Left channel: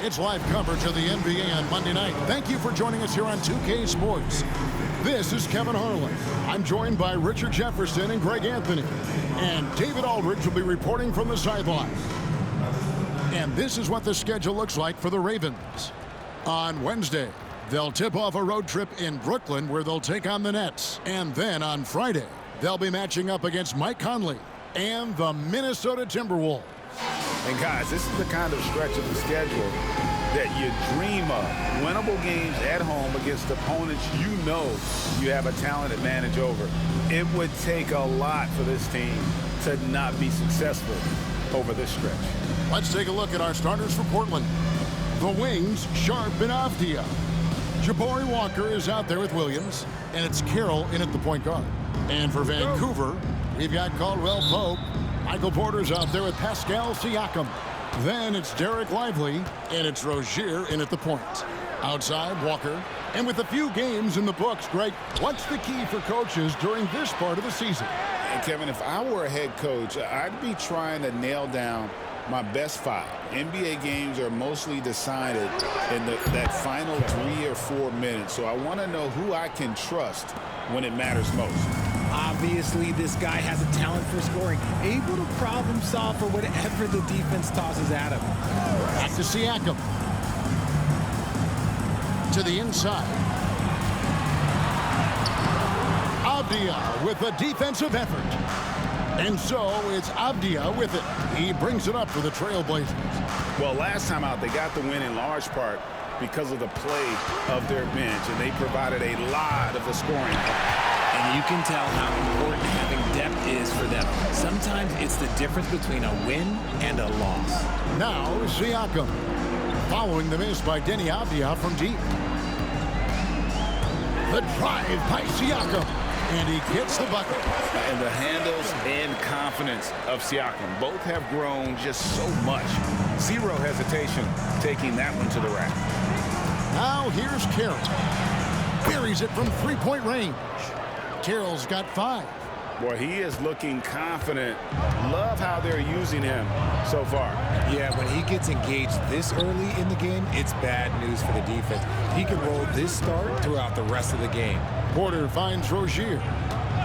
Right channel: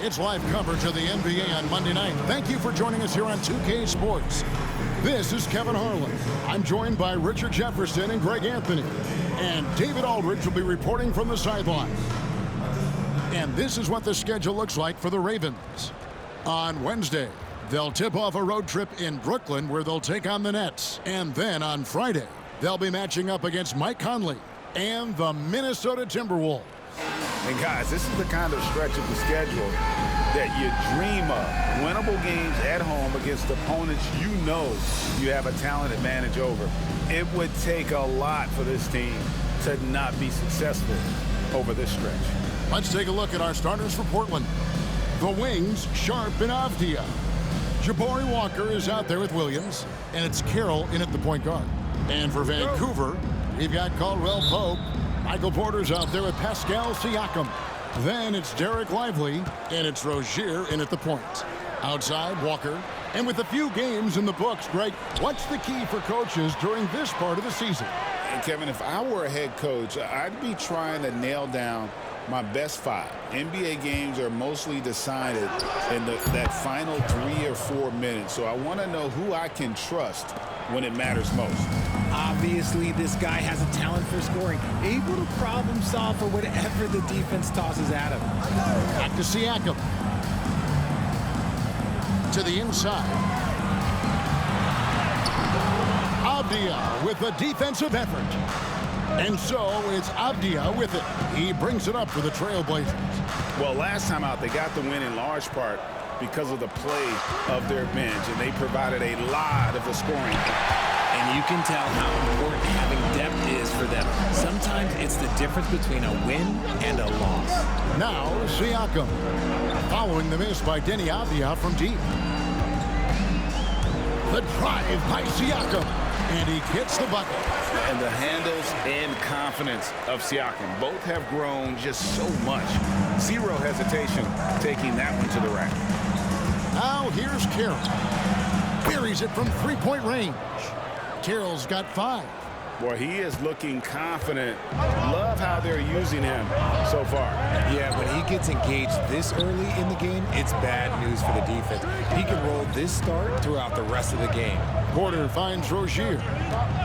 It's live coverage of the NBA on Monday night. Thank you for joining us here on 2K Sports. This is Kevin Harlan. I'm joined by Richard Jefferson and Greg Anthony. And David Aldridge will be reporting from the sideline. And this is what the schedule looks like for the Ravens. On Wednesday, they'll tip off a road trip in Brooklyn where they'll take on the Nets. And then on Friday, they'll be matching up against Mike Conley and the Minnesota Timberwolves. And guys, this is the kind of stretch of the schedule that you dream of. Winnable games at home against opponents you know you have a talent advantage over. It would take a lot for this team to not be successful over this stretch. Let's take a look at our starters for Portland. The wings, Sharp and Avdia. Jabari Walker is out there with Williams, and it's Carroll in at the point guard. And for Vancouver, we've got Caldwell Pope. Michael Porter's out there with Pascal Siakam. Then it's Derek Lively, and it's Rozier in at the point. Outside, Walker. And with a few games in the books, Greg, what's the key for coaches during this part of the season? And Kevin, if I were a head coach, I'd be trying to nail down my best 5. NBA games are mostly decided in that final 3 or 4 minutes. So I want to know who I can trust when it matters most. Obviously, this guy has a talent for scoring, able to problem solve for whatever the defense tosses at him. Back to Siakam. To the inside. Avdia with the defensive effort. And so it's Avdia with it. He brings it up for the Trailblazers. Well, last time out, they got the win in large part because of the play of their bench, and they provided a lot of the scoring. And you can tell how important having depth is for them. Sometimes it's the difference between a win and a loss. Now Siakam, following the miss by Denny Avdia from deep. The drive by Siakam, and he gets the bucket. And the handles and confidence of Siakam both have grown just so much. Zero hesitation taking that one to the rack. Now here's Carroll. Buries it from three-point range. Carroll's got 5. Boy, he is looking confident. Love how they're using him so far. Yeah, when he gets engaged this early in the game, it's bad news for the defense. He can roll this start throughout the rest of the game. Porter finds Rozier.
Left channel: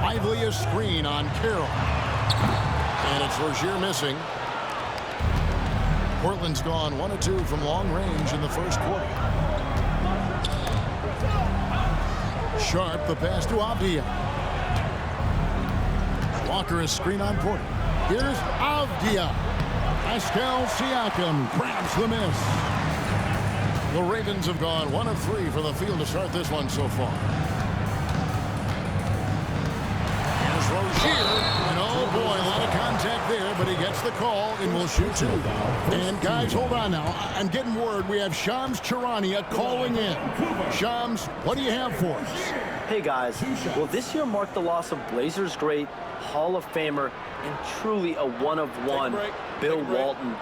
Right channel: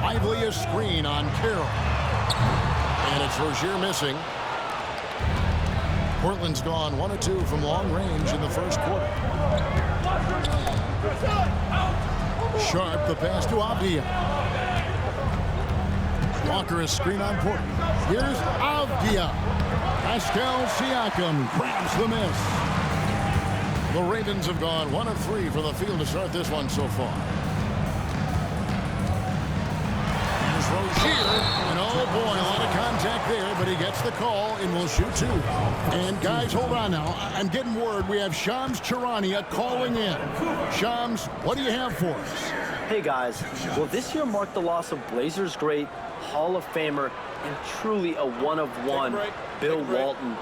Lively a screen on Carroll. And it's Rozier missing. Portland's gone 1 of 2 from long range in the first quarter. Sharp the pass to Avdia. Walker is screen on Porter. Here's Avdia. Pascal Siakam grabs the miss. The Ravens have gone 1 of 3 from the field to start this one so far. Here's Rozier. And oh boy, a lot of contact there, but he gets the call and will shoot 2. And guys, hold on now. I'm getting word we have Shams Charania calling in. Shams, what do you have for us? Hey guys, well this year marked the loss of Blazers great, Hall of Famer, and truly a one-of-one, Bill Walton.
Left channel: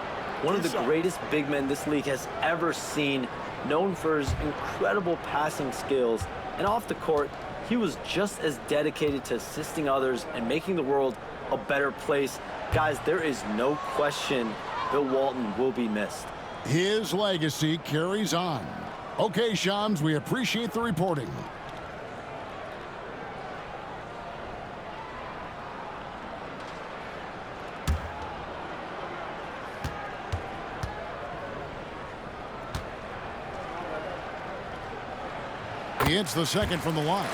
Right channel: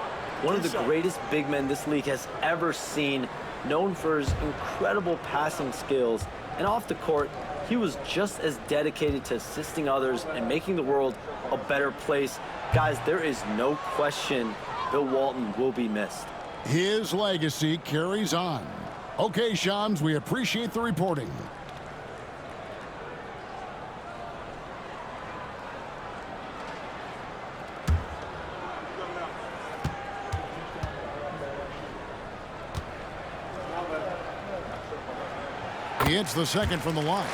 One of the greatest big men this league has ever seen, known for his incredible passing skills. And off the court, he was just as dedicated to assisting others and making the world a better place. Guys, there is no question Bill Walton will be missed. His legacy carries on. Okay, Shams, we appreciate the reporting. He hits the second from the line.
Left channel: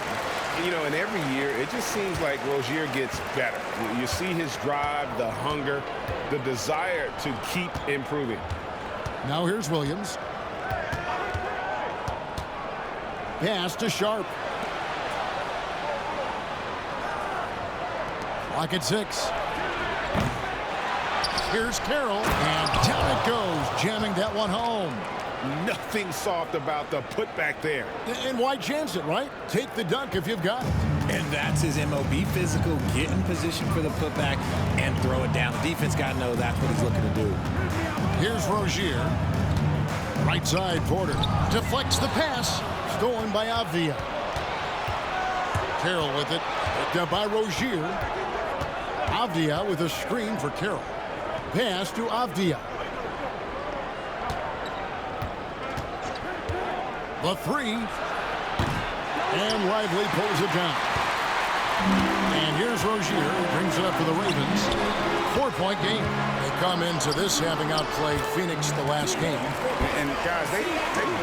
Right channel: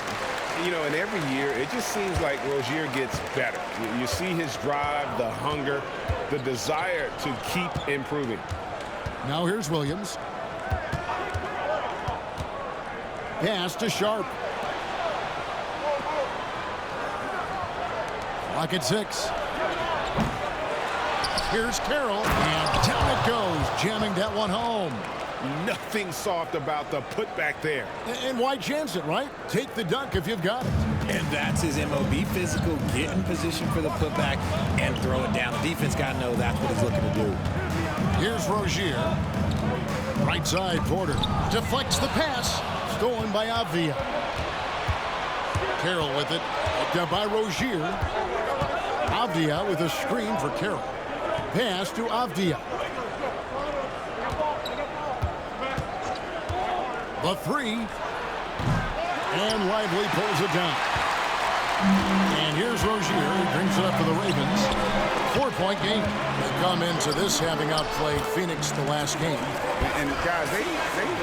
You know, and every year, it just seems like Rozier gets better. You see his drive, the hunger, the desire to keep improving. Now here's Williams. Pass to Sharp. Clock at 6. Here's Carroll, and down it goes, jamming that one home. Nothing soft about the putback there. And why chance it, right? Take the dunk if you've got it. And that's his MO. Be physical, get in position for the putback, and throw it down. The defense got to know that's what he's looking to do. Here's Rozier. Right side, Porter. Deflects the pass. Stolen by Avdia. Carroll with it. Picked up by Rozier. Avdia with a screen for Carroll. Pass to Avdia. The three. And Lively pulls it down. And here's Rozier. He brings it up for the Ravens. 4-point game. They come into this having outplayed Phoenix the last game. And guys, they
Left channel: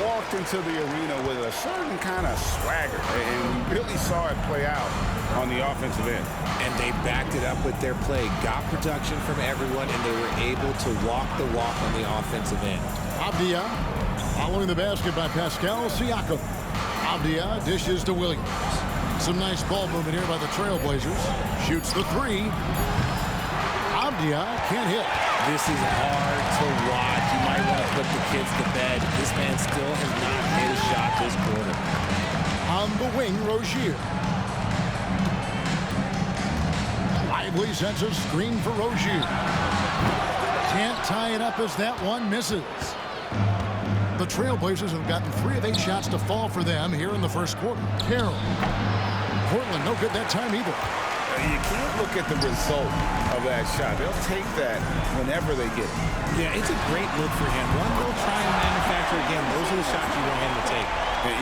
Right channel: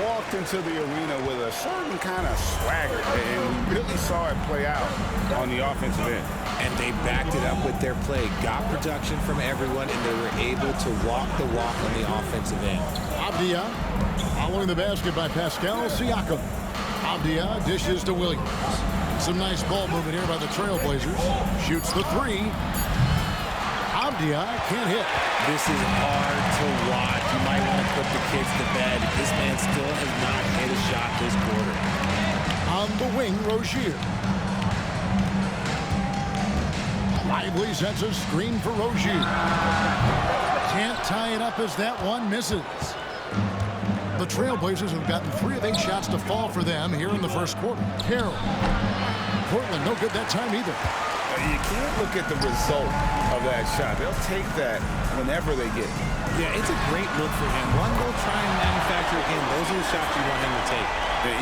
walked into the arena with a certain kind of swagger. And we really saw it play out on the offensive end. And they backed it up with their play. Got production from everyone, and they were able to walk the walk on the offensive end. Avdia following the basket by Pascal Siakam. Avdia dishes to Williams. Some nice ball movement here by the Trailblazers. Shoots the three. Avdia can't hit. This is hard to watch. You might want to put the kids to bed. This man still has not hit a shot this quarter. On the wing, Rozier. Lively sets a screen for Rozier. Can't tie it up as that one misses. The Trailblazers have gotten 3 of 8 shots to fall for them here in the first quarter. Carroll. Portland, no good that time either. You can't look at the result of that shot. They'll take that whenever they get it. Yeah, it's a great look for him. One, they'll try and manufacture again. Those are the shots you want him to take.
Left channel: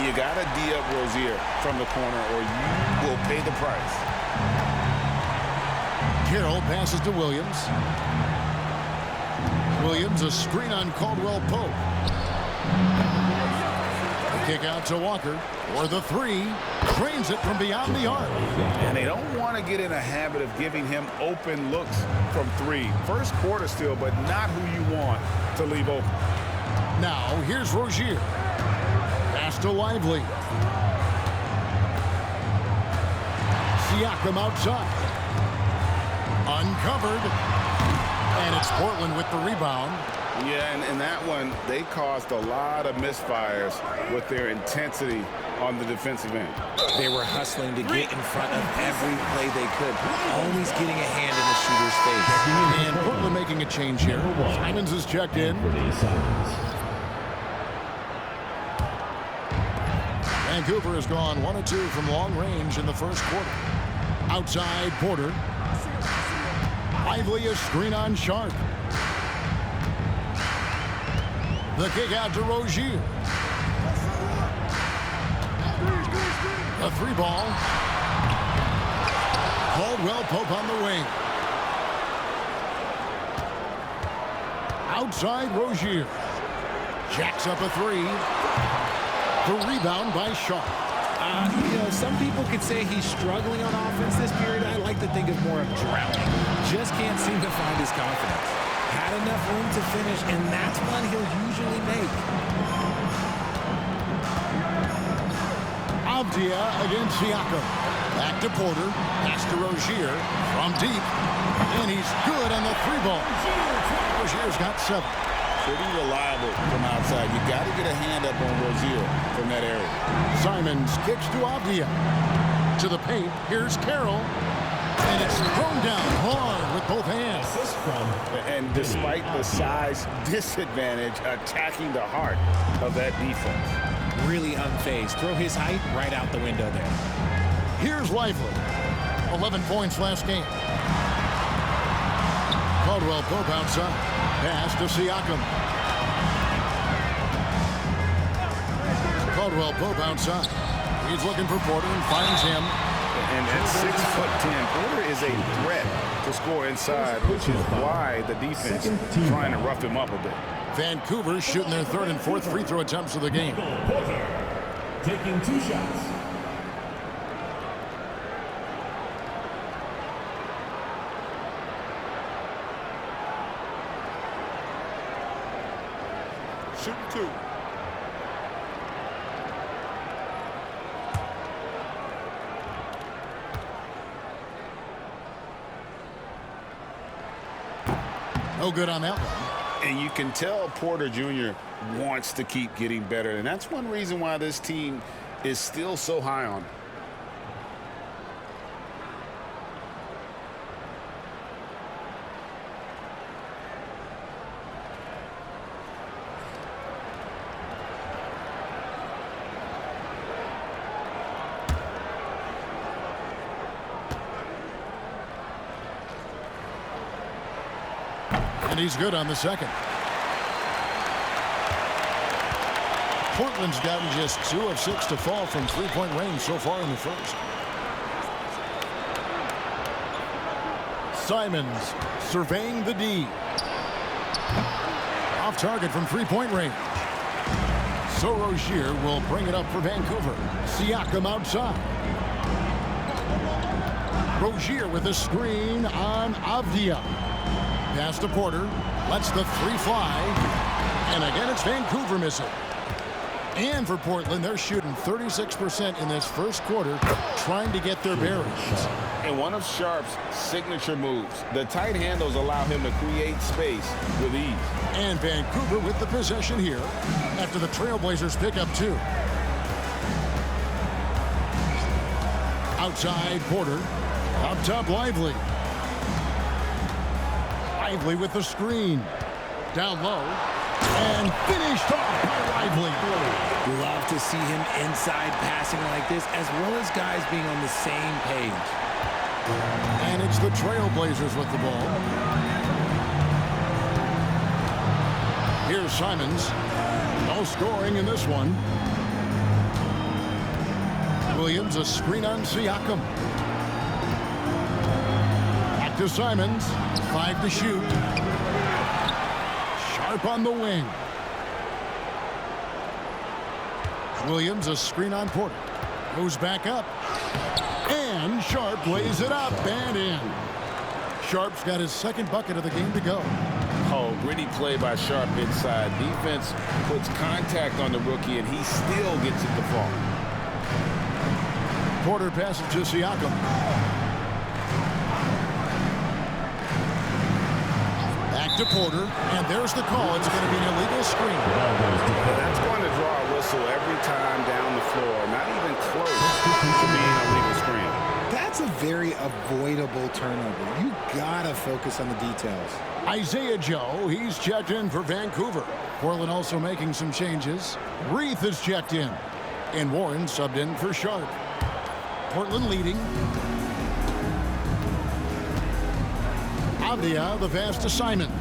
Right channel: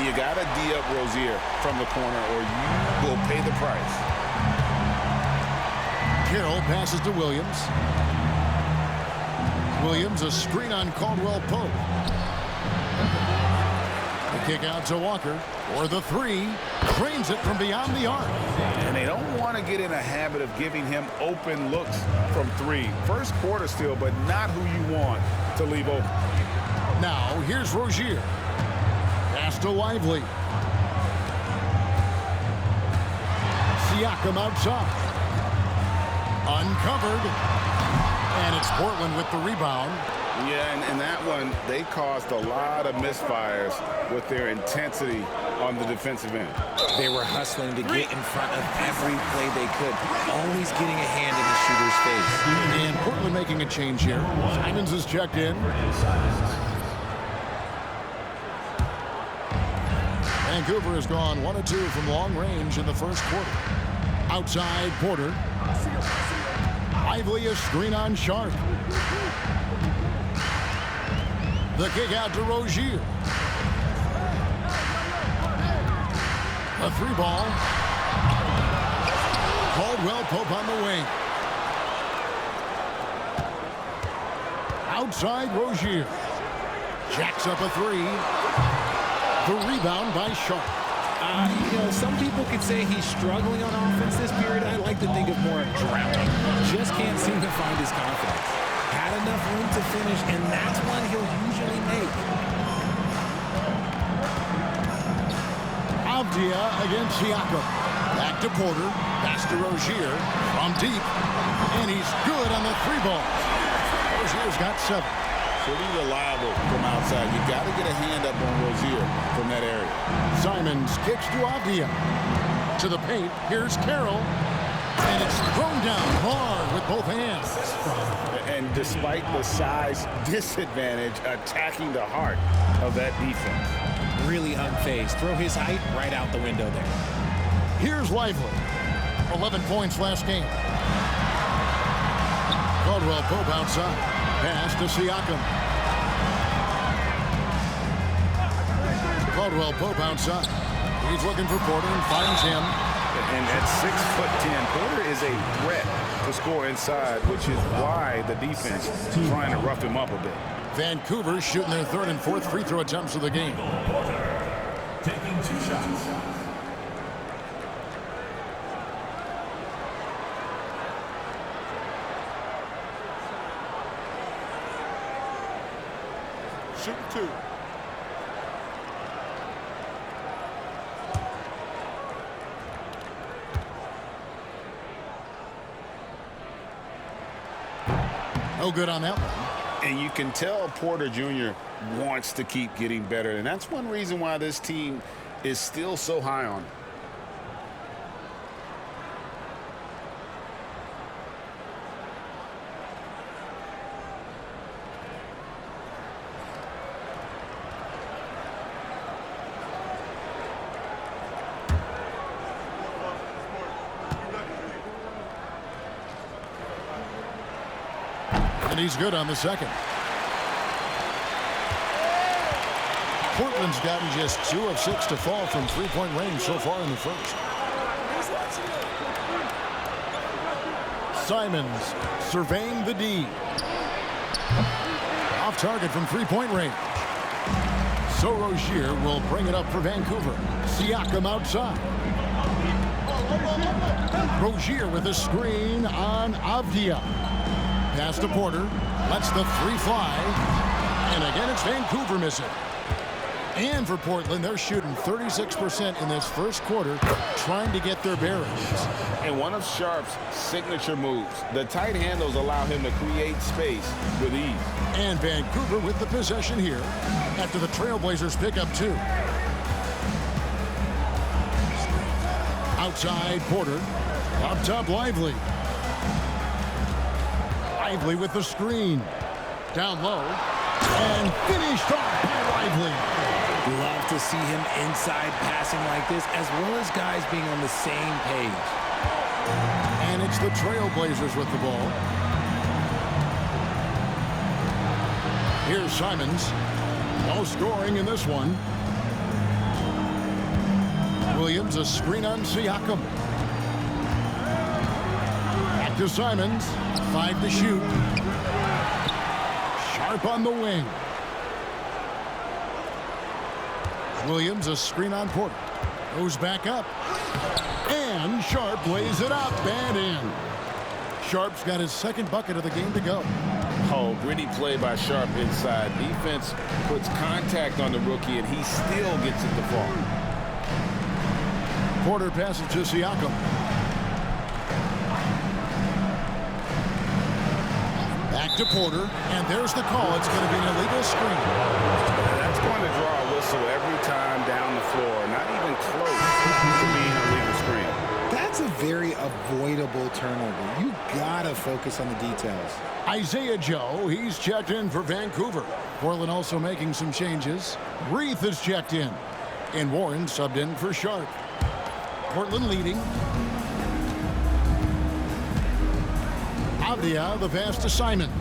You got to D up Rozier from the corner or you will pay the price. Carroll passes to Williams. Williams, a screen on Caldwell Pope. The kick out to Walker for the three. Drains it from beyond the arc. And they don't want to get in a habit of giving him open looks from three. First quarter still, but not who you want to leave open. Now, here's Rozier. Pass to Lively. Siakam outside. Uncovered. And it's Portland with the rebound. Yeah, and that one, they caused a lot of misfires with their intensity on the defensive end. They were hustling to get in front of every play they could, always getting a hand in the shooter's face. And Portland making a change here. Simons is checked in. Vancouver has gone 1 of 2 from long range in the first quarter. Outside, Porter. Lively, a screen on Sharp. The kick out to Rozier. A 3-ball. Caldwell Pope on the wing. Outside, Rozier. Jacks up a 3. The rebound by Sharp. You know, some people could say he's struggling on offense this period. I like to think of more of drowning. Just can't seem to find his confidence. Had enough room to finish, and that's one he'll usually make. Avdia against Siakam. Back to Porter. Pass to Rozier from deep. And he's good on the 3-ball. Rozier's got 7. Pretty reliable from outside. You got to get a hand up on Rozier from that area. Simons kicks to Avdia. To the paint. Here's Carroll. And it's thrown down hard with both hands. And despite the size disadvantage, attacking the heart of that defense. Really unfazed. Throw his height right out the window there. Here's Lively. 11 points last game. Caldwell Pope outside. Pass to Siakam. Caldwell Pope outside. He's looking for Porter and finds him. And at 6'10", Porter is a threat to score inside, which is why the defense is trying to rough him up a bit. Vancouver shooting their 3rd and 4th free throw attempts of the game. Taking 2 shots. Shooting 2. No good on that one. And you can tell Porter Jr. wants to keep getting better. And that's one reason why this team is still so high on him. And he's good on the second. Portland's gotten just 2 of 6 to fall from three-point range so far in the first. Simons surveying the D. Off target from three-point range. So Rozier will bring it up for Vancouver. Siakam outside. Rozier with a screen on Avdia. Pass to Porter. Lets the three fly. And again, it's Vancouver missing. And for Portland, they're shooting 36% in this first quarter, trying to get their bearings. And one of Sharp's signature moves, the tight handles allow him to create space with ease. And Vancouver with the possession here after the Trailblazers pick up 2. Outside, Porter. Up top, Lively. Lively with the screen. Down low. And finished off by Lively. Love to see him inside passing like this, as well as guys being on the same page. And it's the Trailblazers with the ball. Here's Simons. No scoring in this one. Williams, a screen on Siakam. Back to Simons. 5 to shoot. Sharp on the wing. Williams, a screen on Porter. Goes back up. And Sharp lays it up and in. Sharp's got his second bucket of the game to go. Oh, gritty play by Sharp inside. Defense puts contact on the rookie, and he still gets it to fall. Porter passes to Siakam. Back to Porter, and there's the call. It's going to be an illegal screen. That's going to draw a whistle every time down the floor. Not even close to being a legal screen. That's a very avoidable turnover. You gotta focus on the details. Isaiah Joe, he's checked in for Vancouver. Portland also making some changes. Reith is checked in. And Warren subbed in for Sharp. Portland leading. Avdia, the pass to Simons.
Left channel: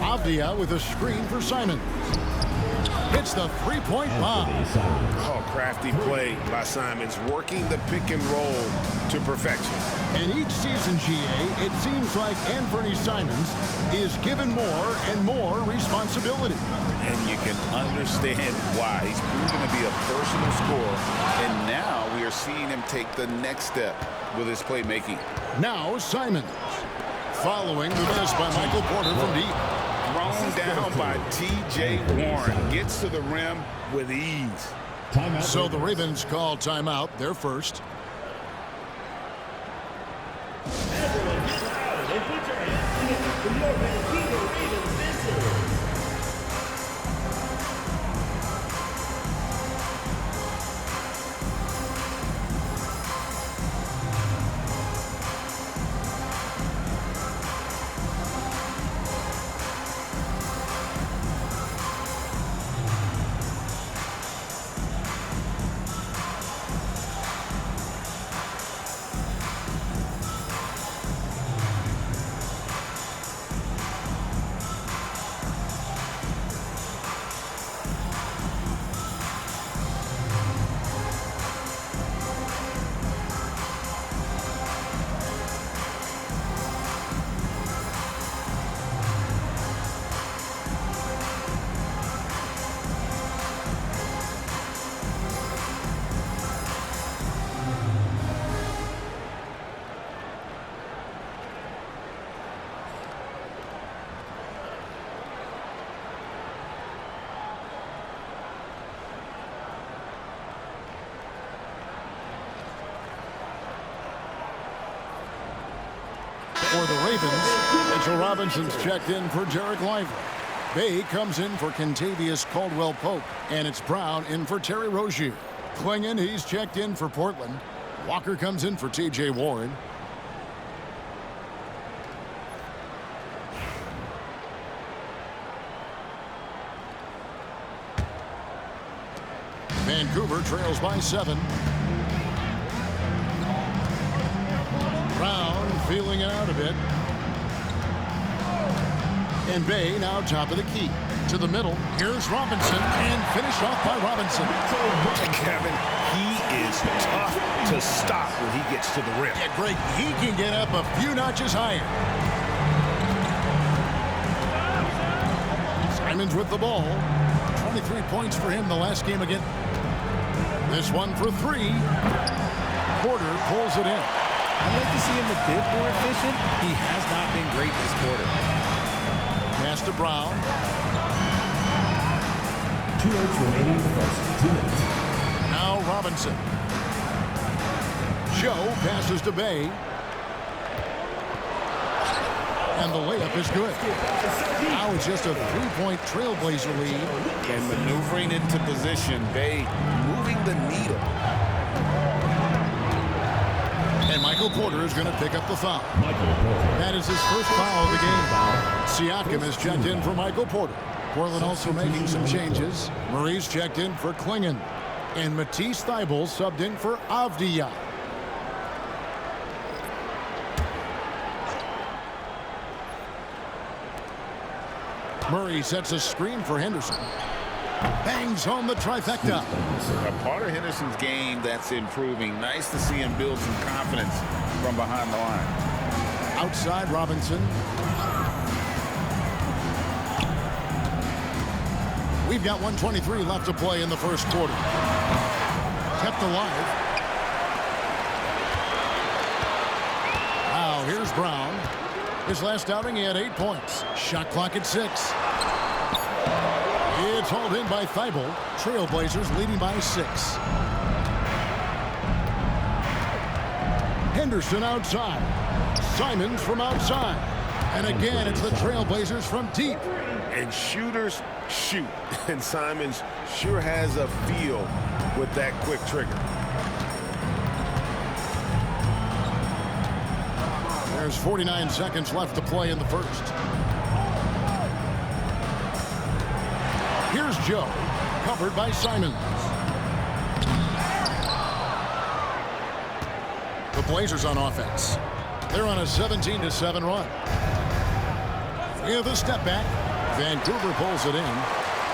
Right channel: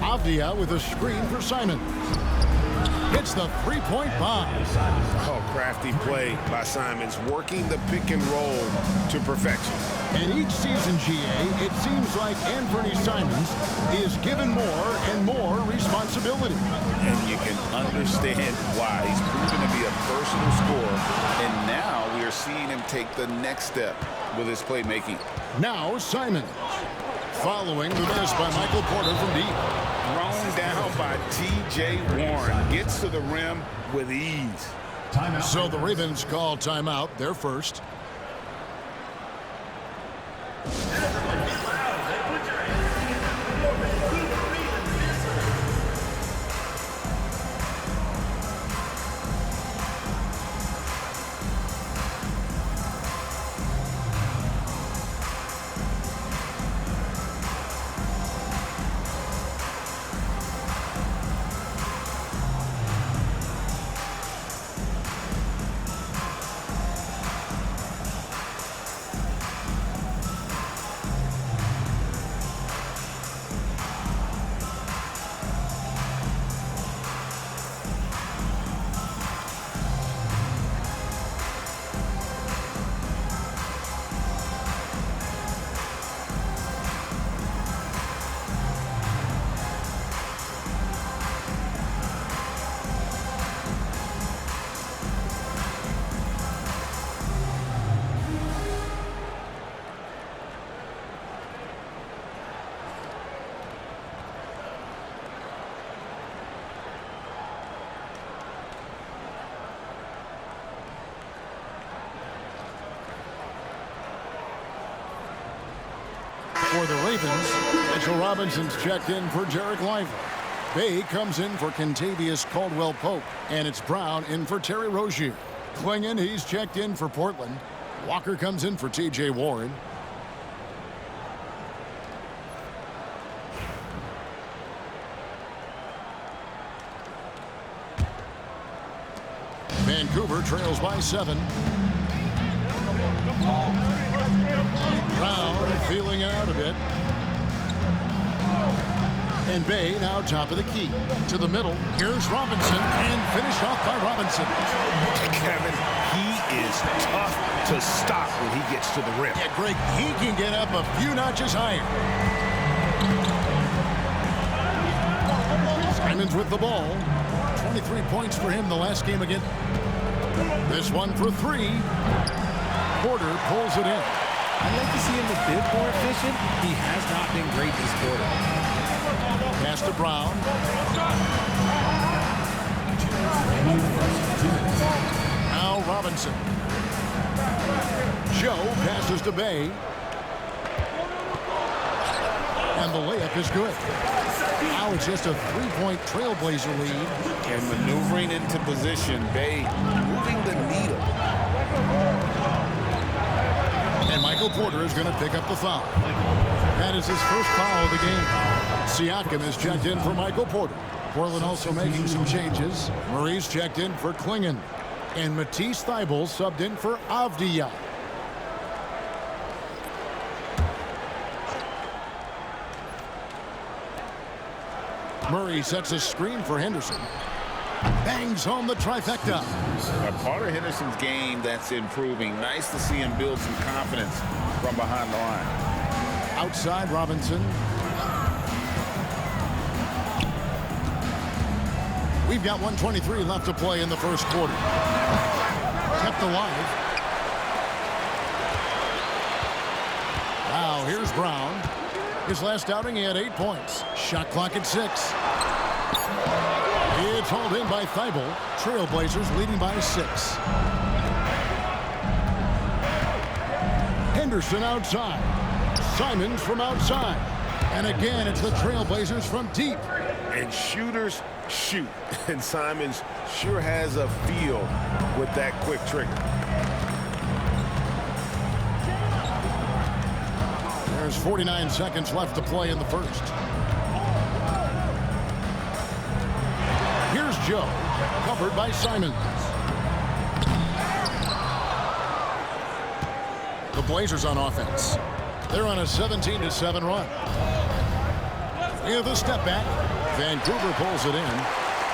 Avdia with a screen for Simons. Hits the three-point bomb. Oh, crafty play by Simons, working the pick and roll to perfection. And each season, GA, it seems like Anthony Simons is given more and more responsibility. And you can understand why. He's proven to be a versatile scorer, and now we are seeing him take the next step with his playmaking. Now Simons, following the miss by Michael Porter from deep. Thrown down by T.J. Warren. Gets to the rim with ease. Timeout. So the Ravens call timeout, their first. Everyone get loud and put your hands together for your Vancouver Ravens visitors. For the Ravens, Mitchell Robinson's checked in for Jarek Lively. Bay comes in for Kentavious Caldwell-Pope. And it's Brown in for Terry Rozier. Klingon, he's checked in for Portland. Walker comes in for T.J. Warren. Vancouver trails by 7. Brown feeling it out a bit. And Bay now top of the key. To the middle, here's Robinson, and finished off by Robinson. Kevin, he is tough to stop when he gets to the rim. Yeah, Greg, he can get up a few notches higher. Simons with the ball. 23 points for him the last game again. This one for three. Porter pulls it in. I'd like to see him a bit more efficient. He has not been great this quarter. Pass to Brown. Now Robinson. Joe passes to Bay. And the layup is good. Now it's just a three-point trailblazer lead. And maneuvering into position, Bay moving the needle. And Michael Porter is going to pick up the foul. That is his first foul of the game. Siakam is checked in for Michael Porter. Portland also making some changes. Murray's checked in for Klingon. And Matisse Thybulle subbed in for Avdija. Murray sets a screen for Henderson. Bangs home the trifecta. A part of Henderson's game that's improving. Nice to see him build some confidence from behind the line. Outside Robinson. We've got 1:23 left to play in the first quarter. Kept alive. Now here's Brown. His last outing, he had 8 points. Shot clock at 6. It's hauled in by Thybulle. Trailblazers leading by 6. Henderson outside. Simons from outside. And again, it's the Trailblazers from deep. And shooters shoot. And Simons sure has a feel with that quick trigger. There's 49 seconds left to play in the first. Here's Joe, covered by Simons. The Blazers on offense. They're on a 17-7 run. With a step back, Vancouver pulls it in.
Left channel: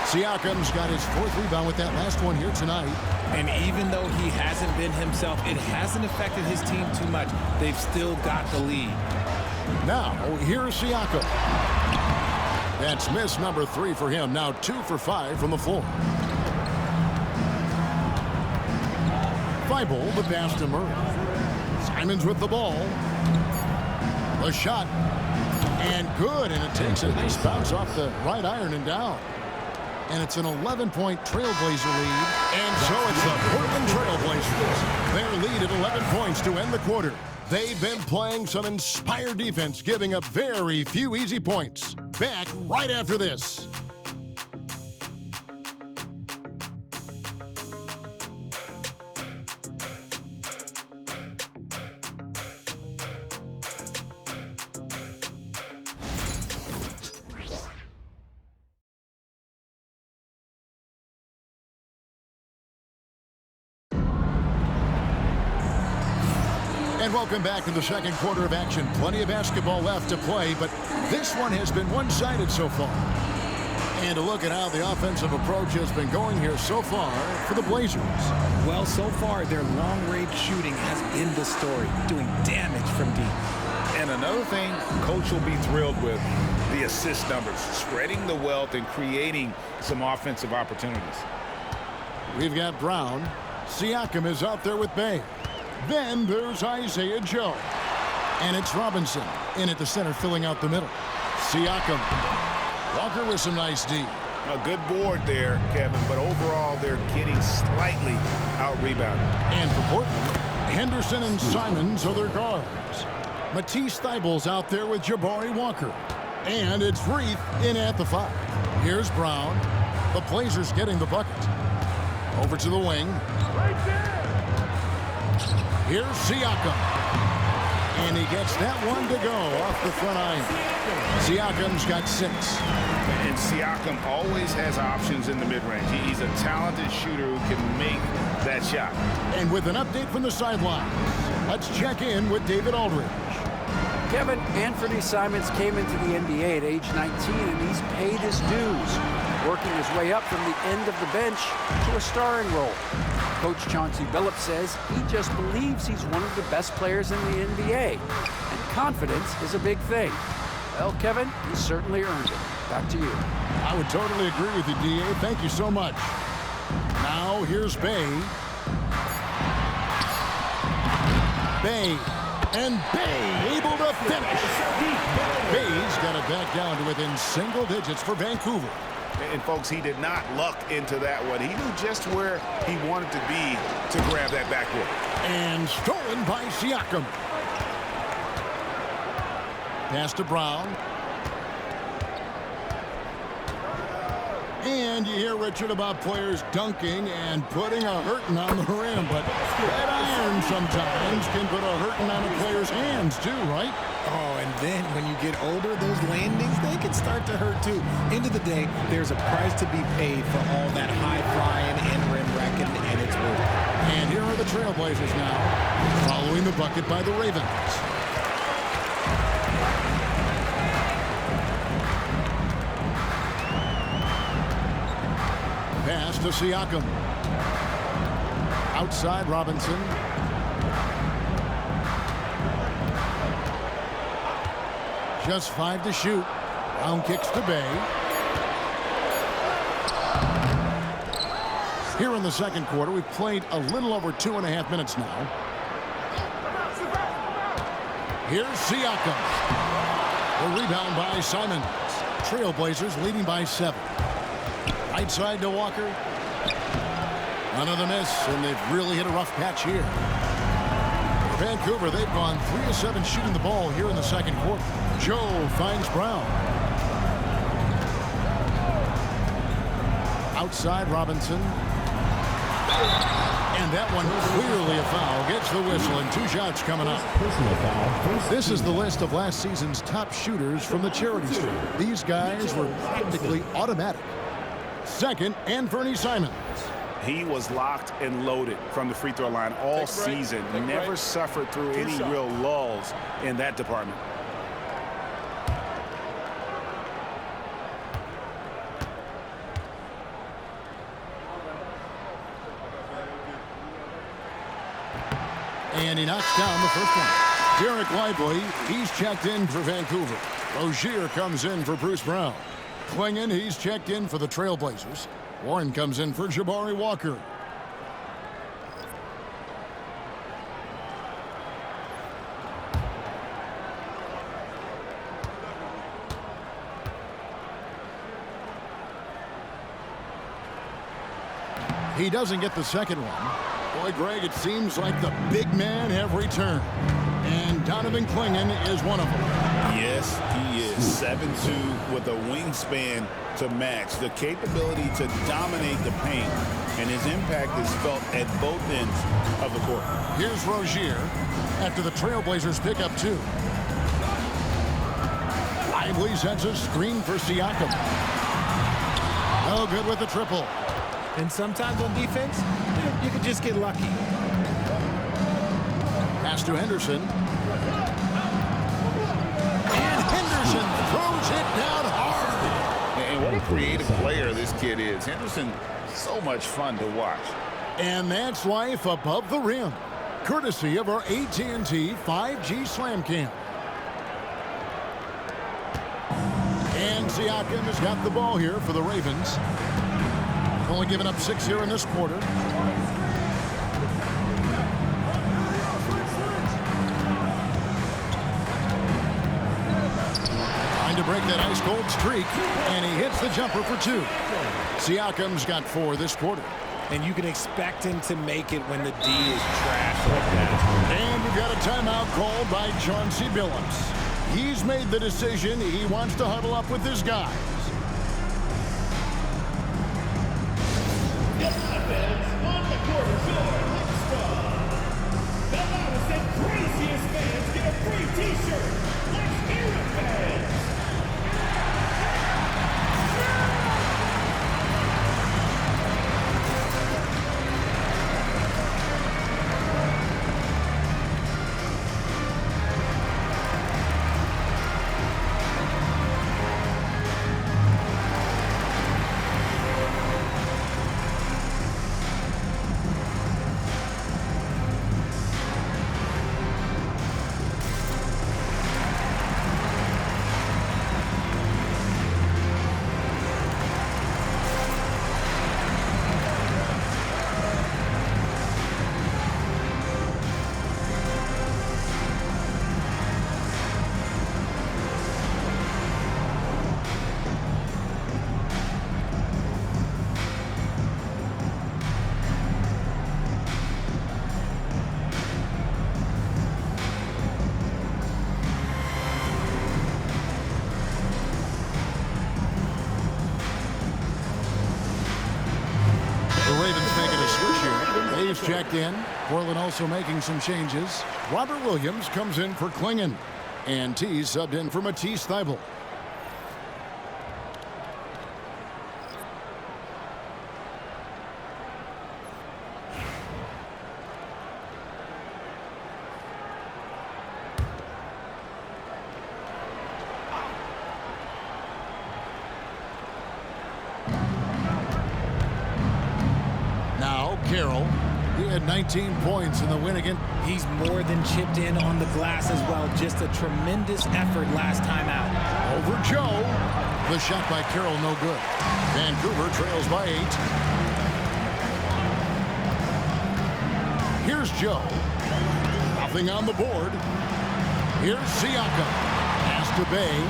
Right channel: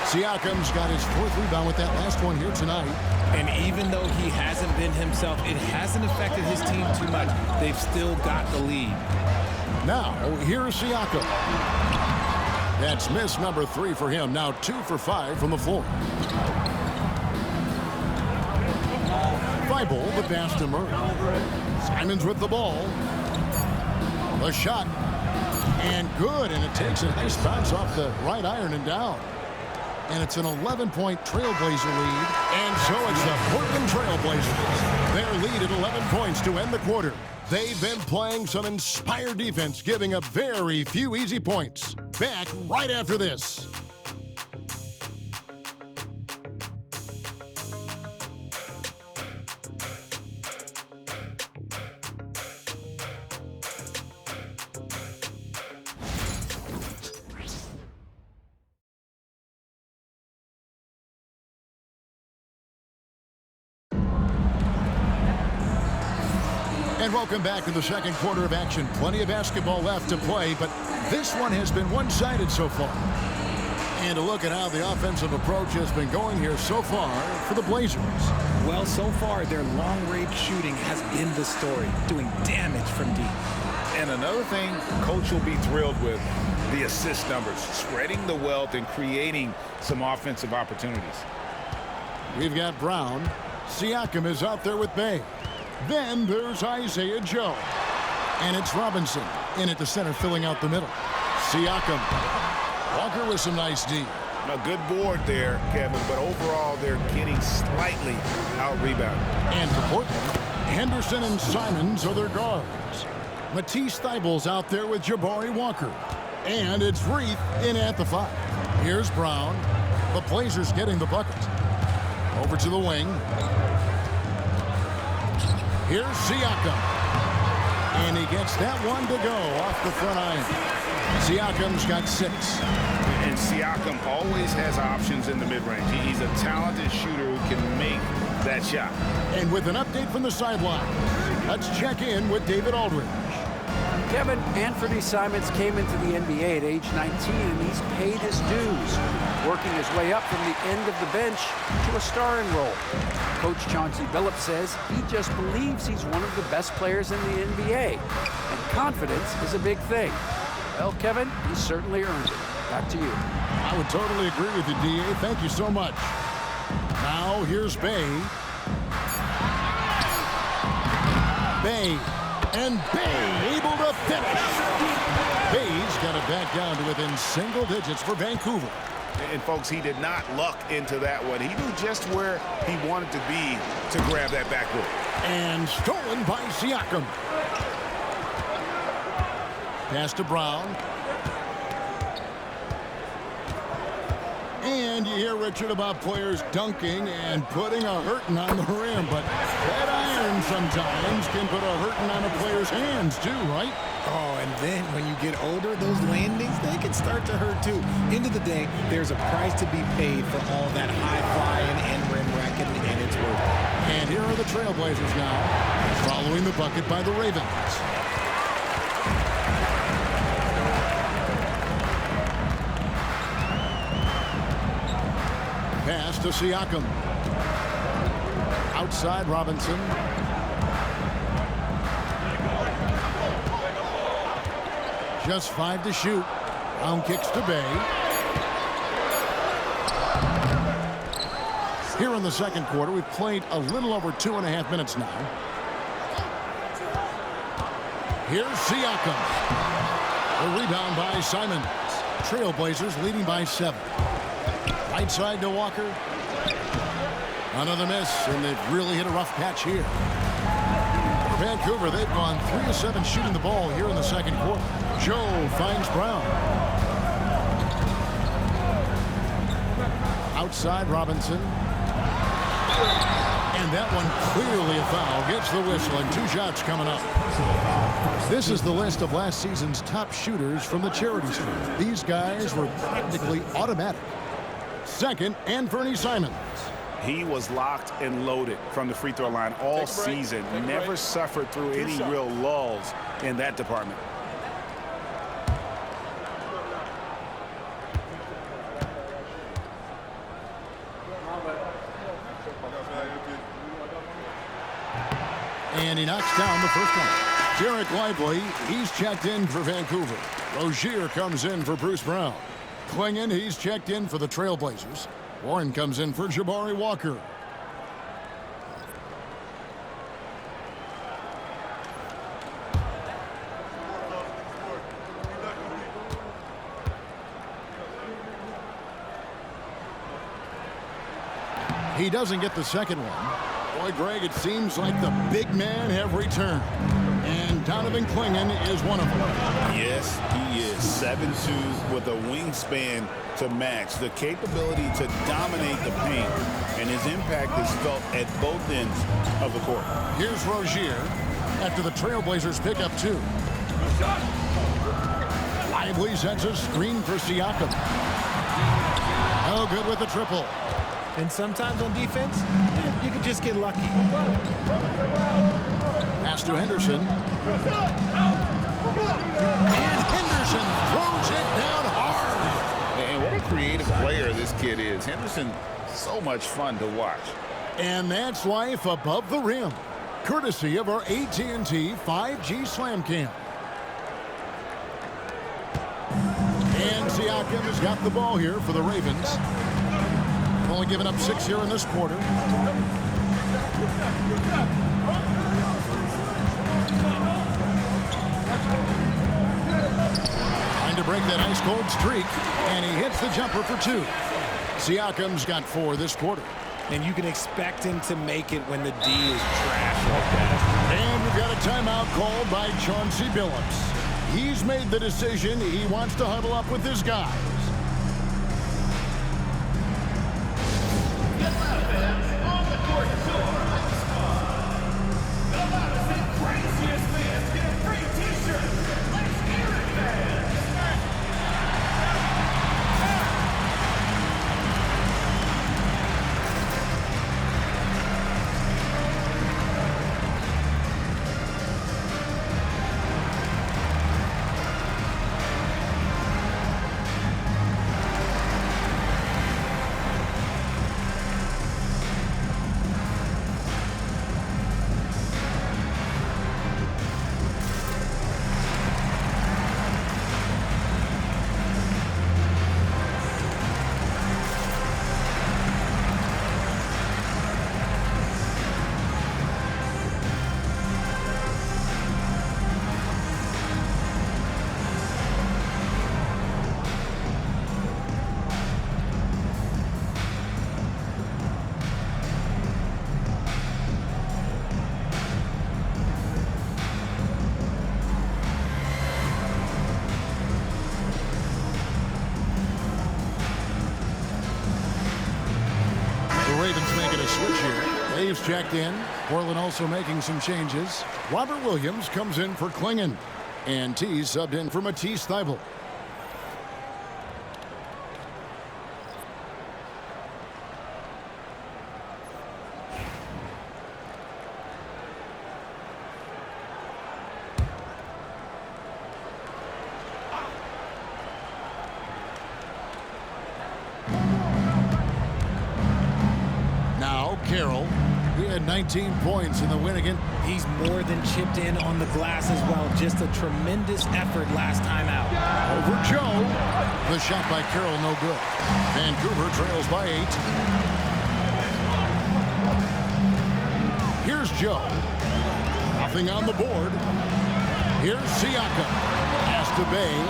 Siakam's got his 4th rebound with that last one here tonight. And even though he hasn't been himself, it hasn't affected his team too much. They've still got the lead. Now, here's Siakam. That's miss number 3 for him. Now 2 for 5 from the floor. Thybulle, the pass to Murray. Simons with the ball. The shot. And good, and it takes a nice bounce off the right iron and down. And it's an 11-point Trailblazer lead. And so it's the Portland Trailblazers. Their lead at 11 points to end the quarter. They've been playing some inspired defense, giving up very few easy points. Back right after this. And welcome back to the second quarter of action. Plenty of basketball left to play, but this one has been one-sided so far. And a look at how the offensive approach has been going here so far for the Blazers. Well, so far, their long-range shooting has been the story, doing damage from deep. And another thing Coach will be thrilled with, the assist numbers, spreading the wealth and creating some offensive opportunities. We've got Brown. Siakam is out there with Bay. Then there's Isaiah Joe. And it's Robinson in at the center, filling out the middle. Siakam. Walker with some nice D. A good board there, Kevin, but overall they're getting slightly out-rebounded. And for Portland, Henderson and Simons are their guards. Matisse Thybulle's out there with Jabari Walker. And it's Reith in at the 5. Here's Brown. The Blazers getting the bucket. Over to the wing. Here's Siakam. And he gets that one to go off the front iron. Siakam's got 6. And Siakam always has options in the mid-range. He's a talented shooter who can make that shot. And with an update from the sidelines, let's check in with David Aldridge. Kevin, Anthony Simons came into the NBA at age 19, and he's paid his dues, working his way up from the end of the bench to a starring role. Coach Chauncey Billups says he just believes he's one of the best players in the NBA, and confidence is a big thing. Well, Kevin, he certainly earned it. Back to you. I would totally agree with you, D.A. Thank you so much. Now, here's Bay. And Bay able to finish. Bay's got it back down to within single digits for Vancouver. And, folks, he did not luck into that one. He knew just where he wanted to be to grab that backboard. And stolen by Siakam. Pass to Brown. And you hear, Richard, about players dunking and putting a hurting on the rim, but that iron sometimes can put a hurting on a player's hands too, right? Oh, and then when you get older, those landings, they can start to hurt too. End of the day, there's a price to be paid for all that high-flying and rim racking, and it's worth it. And here are the Trailblazers now, following the bucket by the Ravens. Pass to Siakam. Outside Robinson. Just 5 to shoot. Brown kicks to Bay. Here in the second quarter, we've played a little over 2.5 minutes now. Here's Siakam. The rebound by Simons. Trailblazers leading by 7. Right side to Walker. Another miss, and they've really hit a rough patch here. For Vancouver, they've gone 3 of 7 shooting the ball here in the second quarter. Joe finds Brown. Outside Robinson. And that one clearly a foul. Gets the whistle, and 2 shots coming up. This is the list of last season's top shooters from the charity stripe. These guys were practically automatic. Second, Anthony Simons. He was locked and loaded from the free throw line all season. Never suffered through any real lulls in that department. And he knocks down the first one. Derek Lively, he's checked in for Vancouver. Rozier comes in for Bruce Brown. Klingon, he's checked in for the Trailblazers. Warren comes in for Jabari Walker. He doesn't get the second one. Boy, Greg, it seems like the big men have returned. And Donovan Klingon is one of them. Yes, he is. 7'2" with a wingspan to match. The capability to dominate the paint. And his impact is felt at both ends of the court. Here's Rozier after the Trailblazers pick up 2. Lively sets a screen for Siakam. No good with the triple. And sometimes on defense, you could just get lucky. Pass to Henderson. And Henderson throws it down hard. And what a creative player this kid is. Henderson, so much fun to watch. And that's life above the rim, courtesy of our AT&T 5G Slam Cam. And Siakam has got the ball here for the Ravens. Only giving up 6 here in this quarter. Trying to break that ice-cold streak, and he hits the jumper for 2. Siakam's got 4 this quarter. And you can expect him to make it when the D is trash like that. And we've got a timeout called by Chauncey Billups. He's made the decision he wants to huddle up with his guys. On the court, your the loudest and craziest fans get a free t-shirt. Let's hear it, fans. The Ravens making a switch here. Dave's checked in. Portland also making some changes. Robert Williams comes in for Klingon. And T subbed in for Matisse Thybulle. Now Carroll. He had 19 points in the win again. He's more than chipped in on the glass as well. Just a tremendous effort last time out. Over Joe. The shot by Carroll, no good. Vancouver trails by 8. Here's Joe. Nothing on the board. Here's Siakam. Pass to Bay.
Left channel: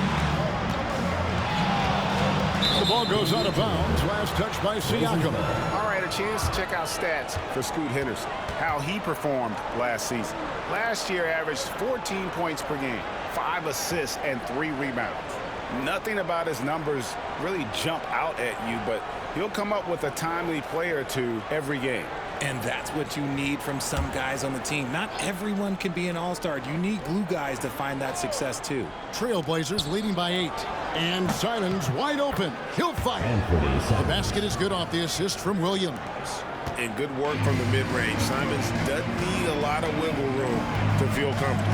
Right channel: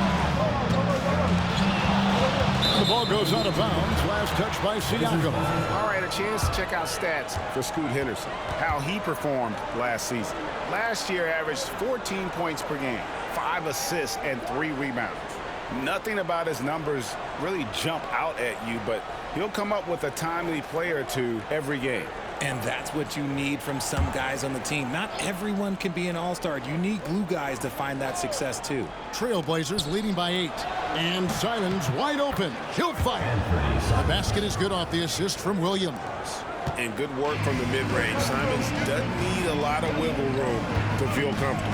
The ball goes out of bounds. Last touch by Siakam. All right, a chance to check out stats for Scoot Henderson. How he performed last season. Last year averaged 14 points per game, 5 assists, and 3 rebounds. Nothing about his numbers really jump out at you, but he'll come up with a timely play or two every game. And that's what you need from some guys on the team. Not everyone can be an all-star. You need glue guys to find that success too. Trailblazers leading by 8. And Simons wide open. He'll fire. The basket is good off the assist from Williams. And good work from the mid-range. Simons doesn't need a lot of wiggle room to feel comfortable.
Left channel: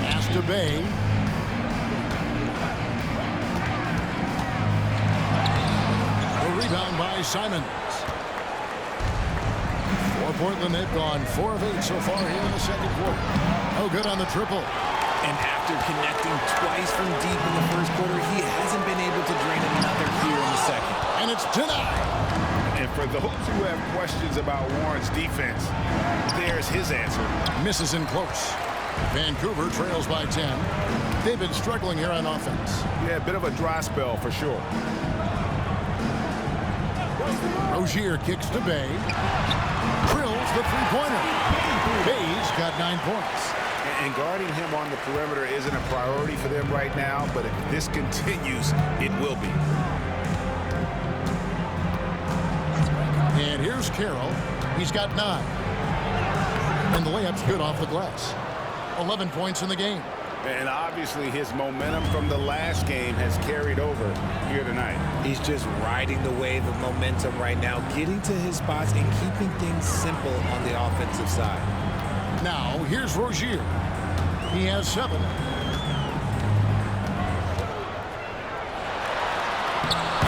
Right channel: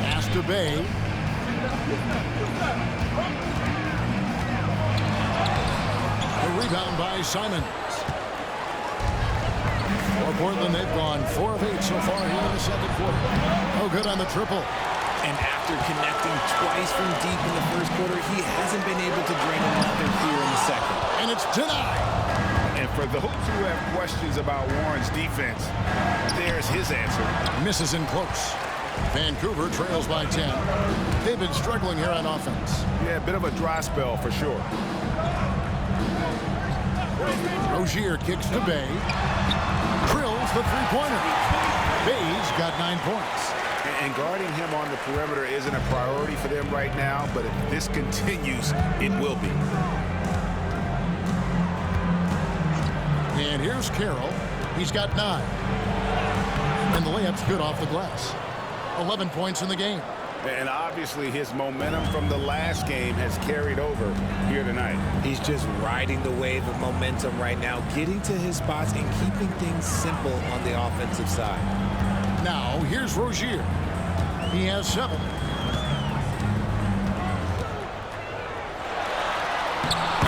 Pass to Bay. A rebound by Simons. For Portland, they've gone 4 of 8 so far here in the second quarter. Oh, good on the triple. And after connecting twice from deep in the first quarter, he hasn't been able to drain another here in the second. And it's denied. And for those who have questions about Warren's defense, there's his answer. Misses in close. Vancouver trails by 10. They've been struggling here on offense. Yeah, a bit of a dry spell for sure. Rozier kicks to Bay. Drills the three-pointer. Bay's got 9 points. And guarding him on the perimeter isn't a priority for them right now, but if this continues, it will be. And here's Carroll. He's got 9. And the layup's good off the glass. 11 points in the game. And obviously his momentum from the last game has carried over here tonight. He's just riding the wave of momentum right now, getting to his spots and keeping things simple on the offensive side. Now, here's Rozier. He has 7.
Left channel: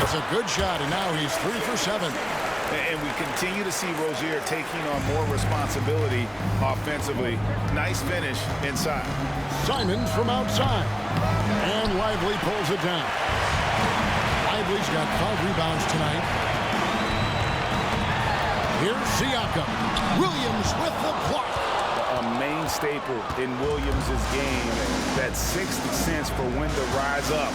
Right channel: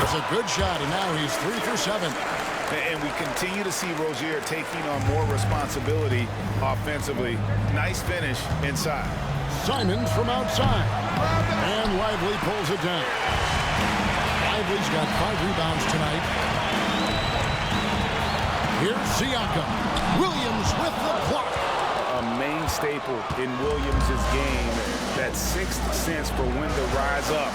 It's a good shot, and now he's 3 for 7. And we continue to see Rozier taking on more responsibility offensively. Nice finish inside. Simons from outside. And Lively pulls it down. Lively's got 5 rebounds tonight. Here's Siakam. Williams with the block. A main staple in Williams' game, that sixth sense for when to rise up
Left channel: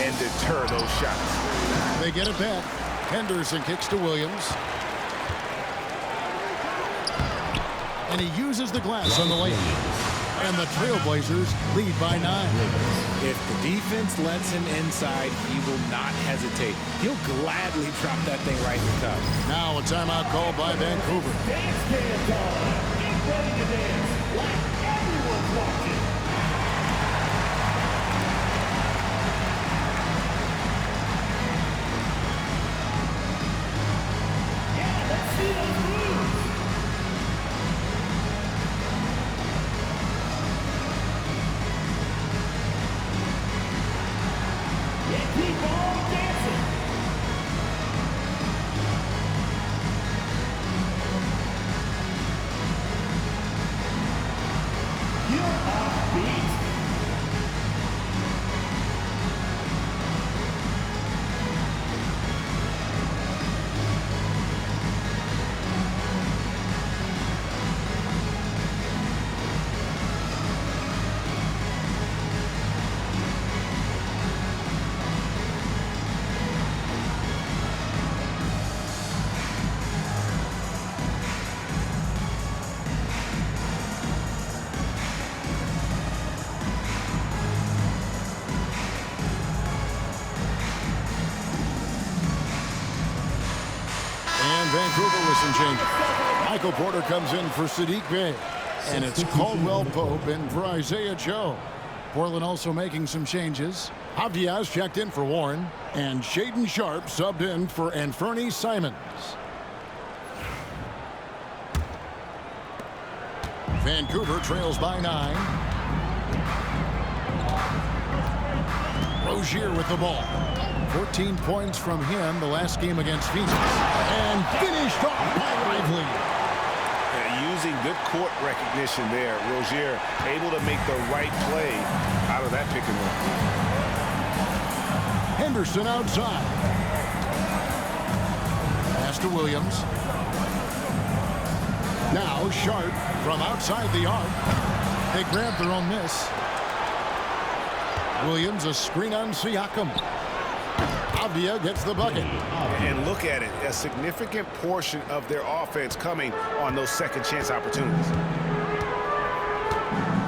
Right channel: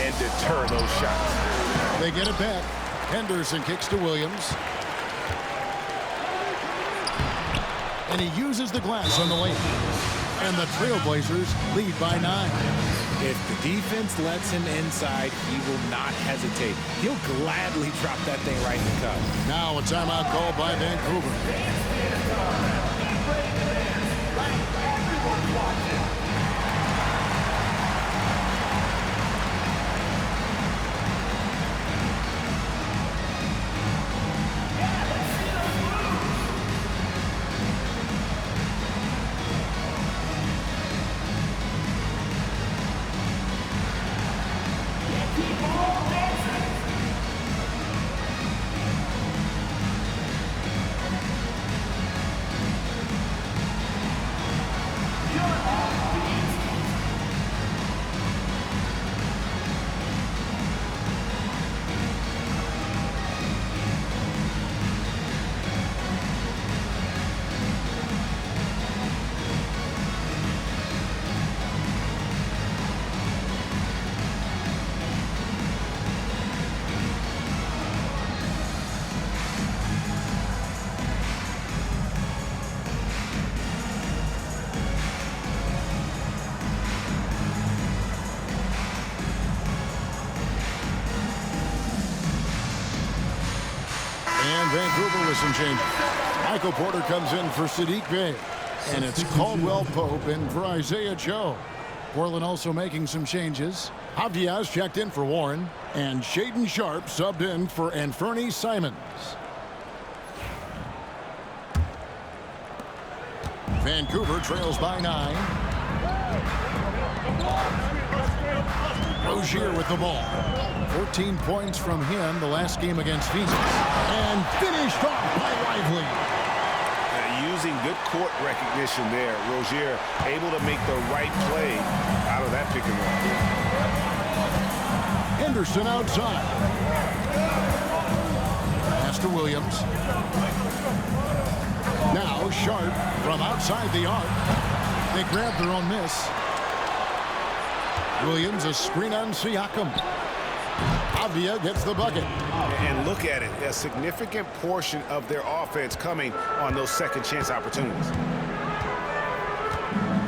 and deter those shots. They get it back. Henderson kicks to Williams. And he uses the glass on the layup. And the Trailblazers lead by 9. If the defense lets him inside, he will not hesitate. He'll gladly drop that thing right in the cup. Now a timeout called by Vancouver. And Vancouver with some changes. Michael Porter comes in for Sadiq Bey. And it's Caldwell Pope in for Isaiah Joe. Portland also making some changes. Avdia's checked in for Warren. And Shaden Sharp subbed in for Anferny Simons. Vancouver trails by 9. Rozier with the ball. 14 points from him the last game against Phoenix. And finished off by Lively. Using good court recognition there. Rozier able to make the right play out of that pick and roll. Henderson outside. Pass to Williams. Now Sharp from outside the arc. They grab their own miss. Williams a screen on Siakam. Avdia gets the bucket. And look at it, a significant portion of their offense coming on those second chance opportunities.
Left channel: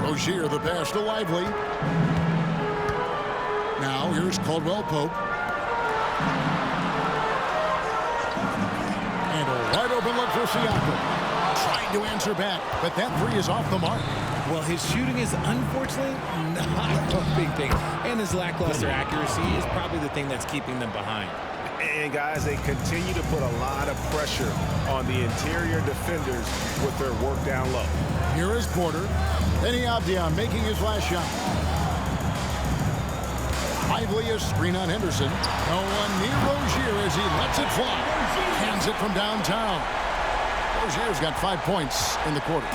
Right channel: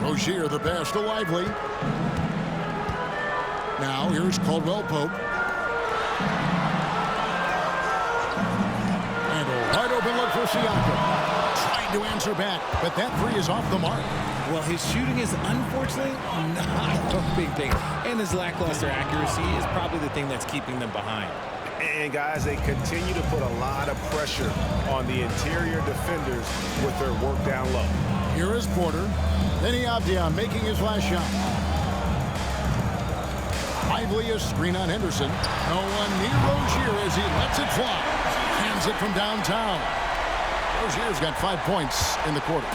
Rozier the pass to Lively. Now here's Caldwell Pope. And a wide open look for Siakam. Trying to answer back, but that three is off the mark. Well, his shooting is unfortunately not a big thing. And his lackluster accuracy is probably the thing that's keeping them behind. And guys, they continue to put a lot of pressure on the interior defenders with their work down low. Here is Porter. Then Avdia making his last shot. Lively a screen on Henderson. No one near Rozier as he lets it fly. Hands it from downtown. Rozier's got 5 points in the quarter.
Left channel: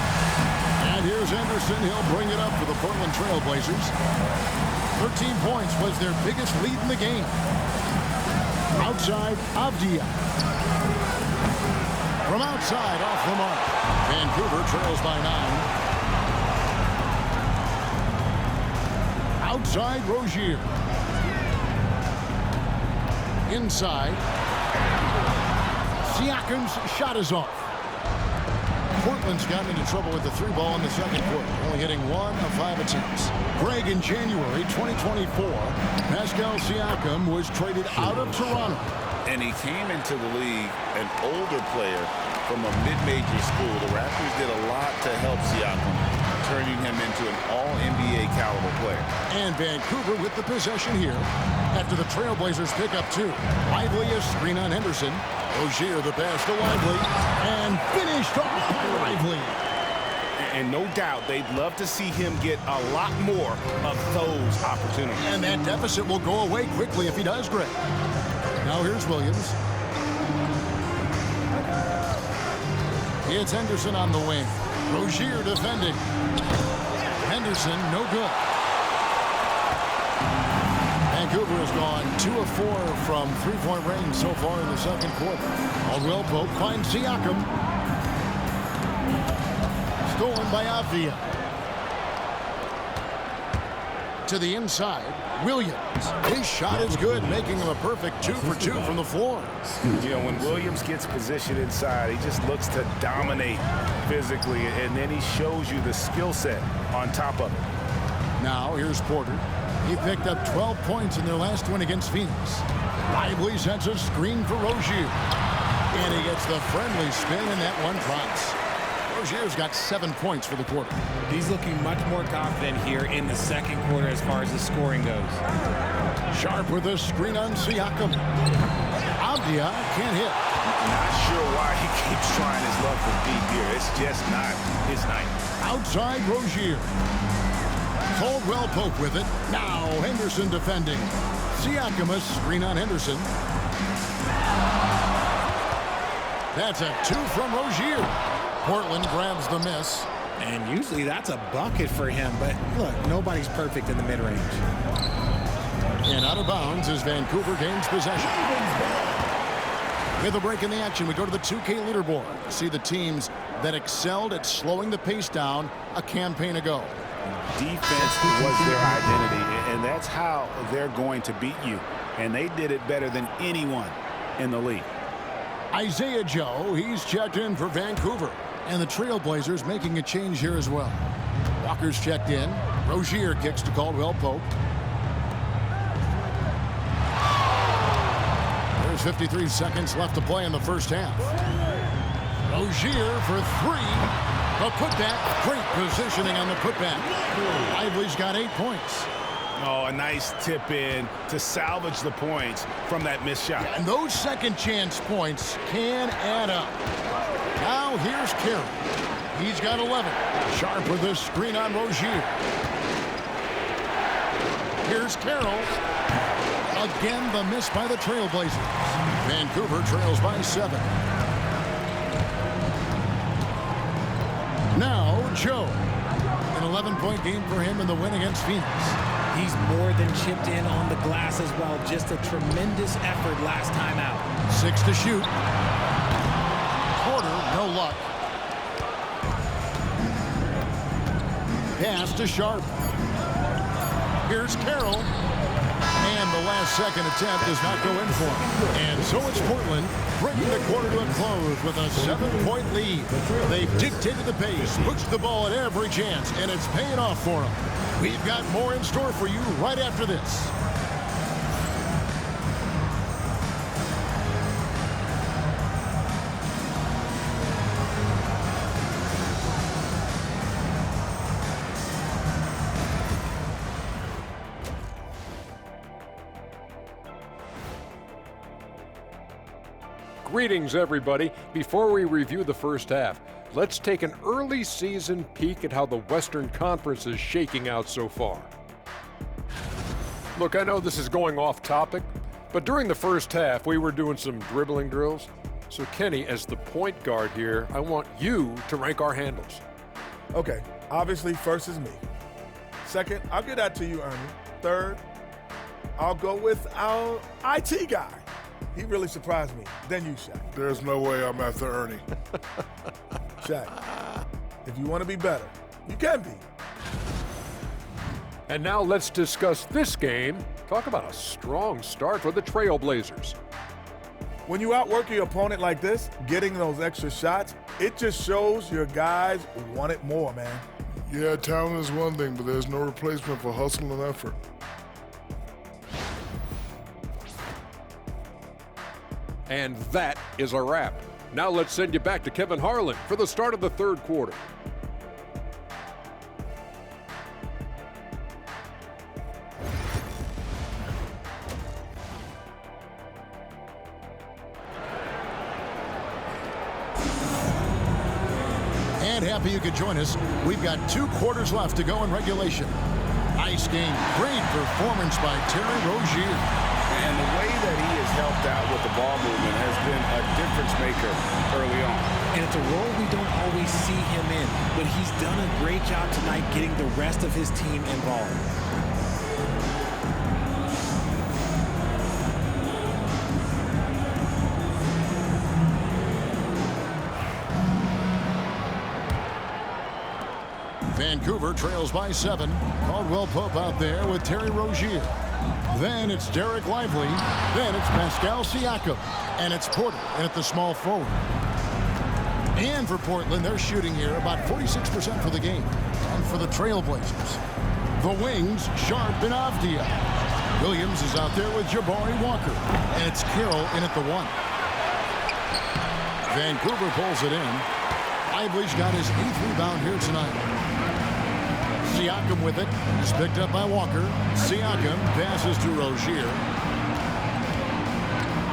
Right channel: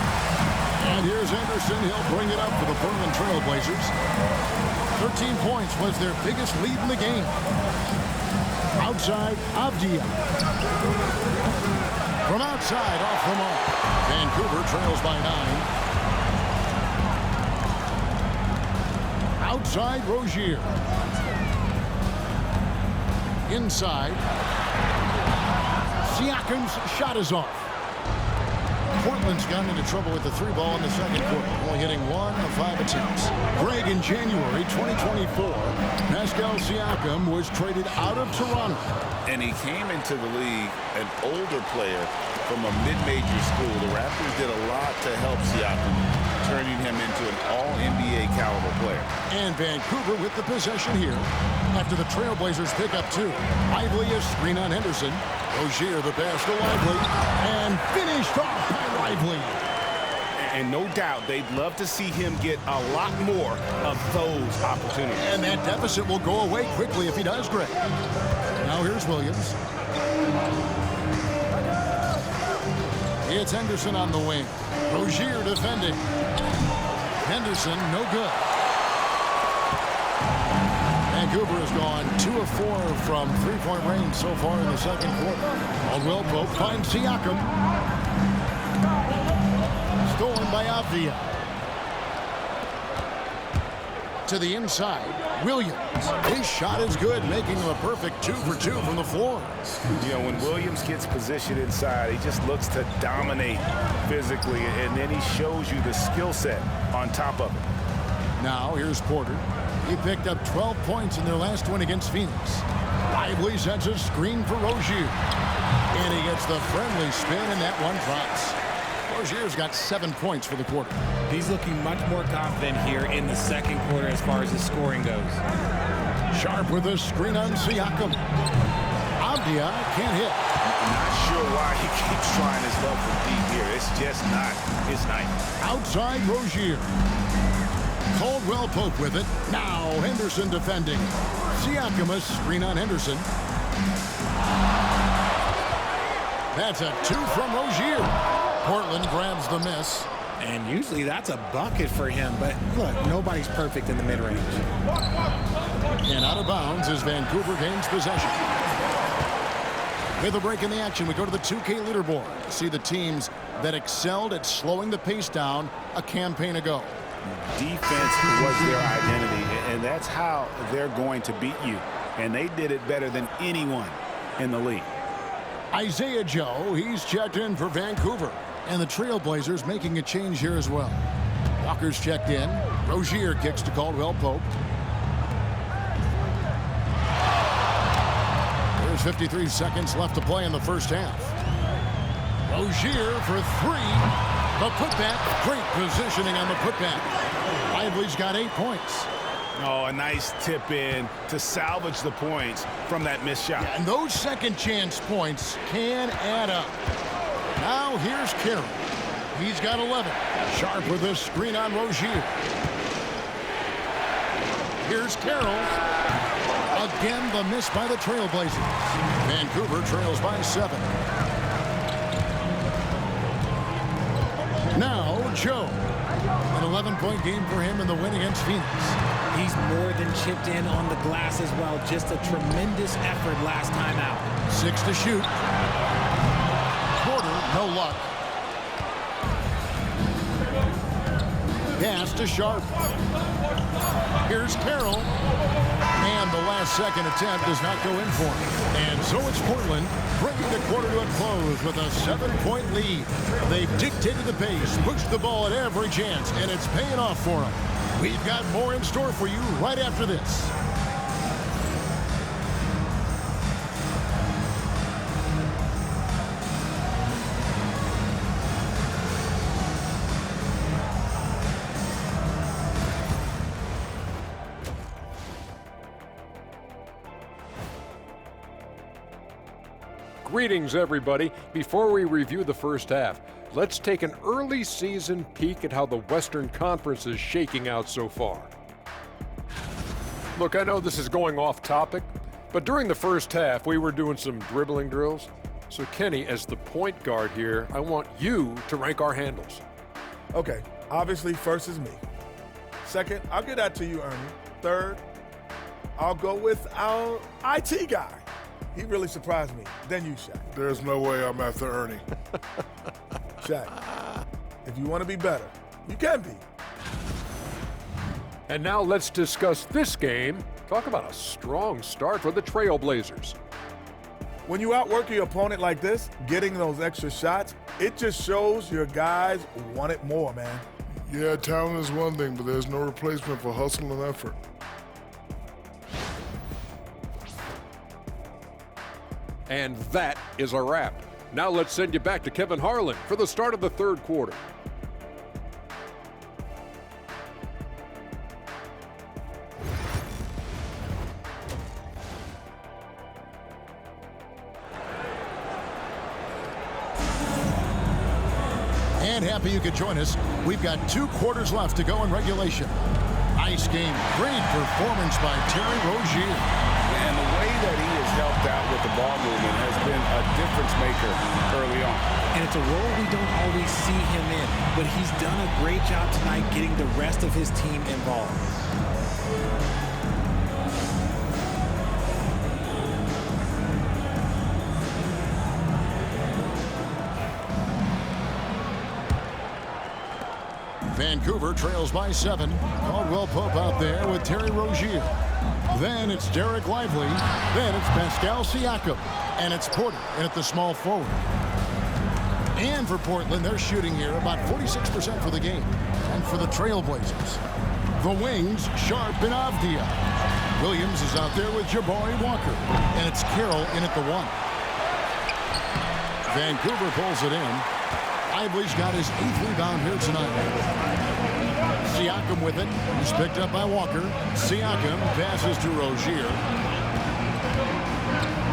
And here's Henderson. He'll bring it up for the Portland Trailblazers. 13 points was their biggest lead in the game. Outside, Avdia. From outside, off the mark. Vancouver trails by 9. Outside, Rozier. Inside. Siakam's shot is off. Portland's gotten into trouble with the three ball in the second quarter, only hitting 1 of 5 attempts. Greg, in January 2024, Pascal Siakam was traded out of Toronto. And he came into the league an older player from a mid-major school. The Raptors did a lot to help Siakam, turning him into an all-NBA caliber player. And Vancouver with the possession here after the Trailblazers pick up 2. Lively a screen on Henderson. Rozier the pass to Lively, and finished off by Lively. And no doubt they'd love to see him get a lot more of those opportunities. And that deficit will go away quickly if he does, Greg. Now here's Williams. It's Henderson on the wing. Rozier defending. Henderson, no good. Vancouver has gone 2 of 4 from three-point range so far in the second quarter. Caldwell Pope finds Siakam. Stolen by Avdia. To the inside, Williams. His shot is good, making him a perfect 2 for 2 from the floor. You know, when Williams gets positioned inside, he just looks to dominate physically, and then he shows you the skill set on top of it. Now, here's Porter. He picked up 12 points in their last win against Phoenix. Lively sets a screen for Rozier. And he gets the friendly spin, and that one drops. Rozier's got 7 points for the quarter. He's looking much more confident here in the second quarter as far as his scoring goes. Sharp with a screen on Siakam. Avdia can't hit. Not sure why he keeps trying his luck from deep here. It's just not his night. Outside Rozier. Caldwell Pope with it. Now Henderson defending. Siakam a screen on Henderson. That's a 2 from Rozier. Portland grabs the miss. And usually that's a bucket for him, but look, nobody's perfect in the mid-range. And out of bounds as Vancouver gains possession. With a break in the action, we go to the 2K leaderboard to see the teams that excelled at slowing the pace down a campaign ago. Defense was their identity, and that's how they're going to beat you. And they did it better than anyone in the league. Isaiah Joe, he's checked in for Vancouver. And the Trailblazers making a change here as well. Walker's checked in. Rozier kicks to Caldwell Pope. There's 53 seconds left to play in the first half. Rozier for three. The putback. Great positioning on the putback. Lively's got 8 points. Oh, a nice tip in to salvage the points from that missed shot. Yeah, and those second chance points can add up. Now here's Carroll. He's got 11. Sharp with this screen on Rozier. Here's Carroll. Again, the miss by the Trailblazers. Vancouver trails by 7. Now, Joe. An 11-point game for him in the win against Phoenix. He's more than chipped in on the glass as well. Just a tremendous effort last time out. 6 to shoot. Porter, no luck. Pass to Sharp. Here's Carroll. And the last second attempt does not go in for him. And so it's Portland bringing the quarter to a close with a 7-point lead. They've dictated the pace, pushed the ball at every chance, and it's paying off for them. We've got more in store for you right after this. Greetings, everybody. Before we review the first half, let's take an early season peek at how the Western Conference is shaking out so far. Look, I know this is going off topic, but during the first half, we were doing some dribbling drills. So, Kenny, as the point guard here, I want you to rank our handles. Okay, obviously, first is me. Second, I'll get that to you, Ernie. Third, I'll go with our IT guy. He really surprised me. Then you, Shaq. There's no way I'm after Ernie. Shaq, if you want to be better, you can be. And now let's discuss this game. Talk about a strong start for the Trailblazers. When you outwork your opponent like this, getting those extra shots, it just shows your guys want it more, man. Yeah, talent is one thing, but there's no replacement for hustle and effort. And that is a wrap. Now let's send you back to Kevin Harlan for the start of the third quarter. And happy you could join us. We've got 2 quarters left to go in regulation. Nice game. Great performance by Terry Rozier. And the way that he has helped out with the ball movement has been a difference maker early on. And it's a role we don't always see him in, but he's done a great job tonight getting the rest of his team involved. Vancouver trails by 7. Caldwell Pope out there with Terry Rozier. Then it's Derek Lively. Then it's Pascal Siakam. And it's Porter in at the small forward. And for Portland, they're shooting here about 46% for the game. And for the Trailblazers, the wings, Sharp and Avdia. Williams is out there with Jabari Walker. And it's Carroll in at the 1. Vancouver pulls it in. Lively's got his 8th rebound here tonight. Siakam with it. He's picked up by Walker. Siakam passes to Rozier.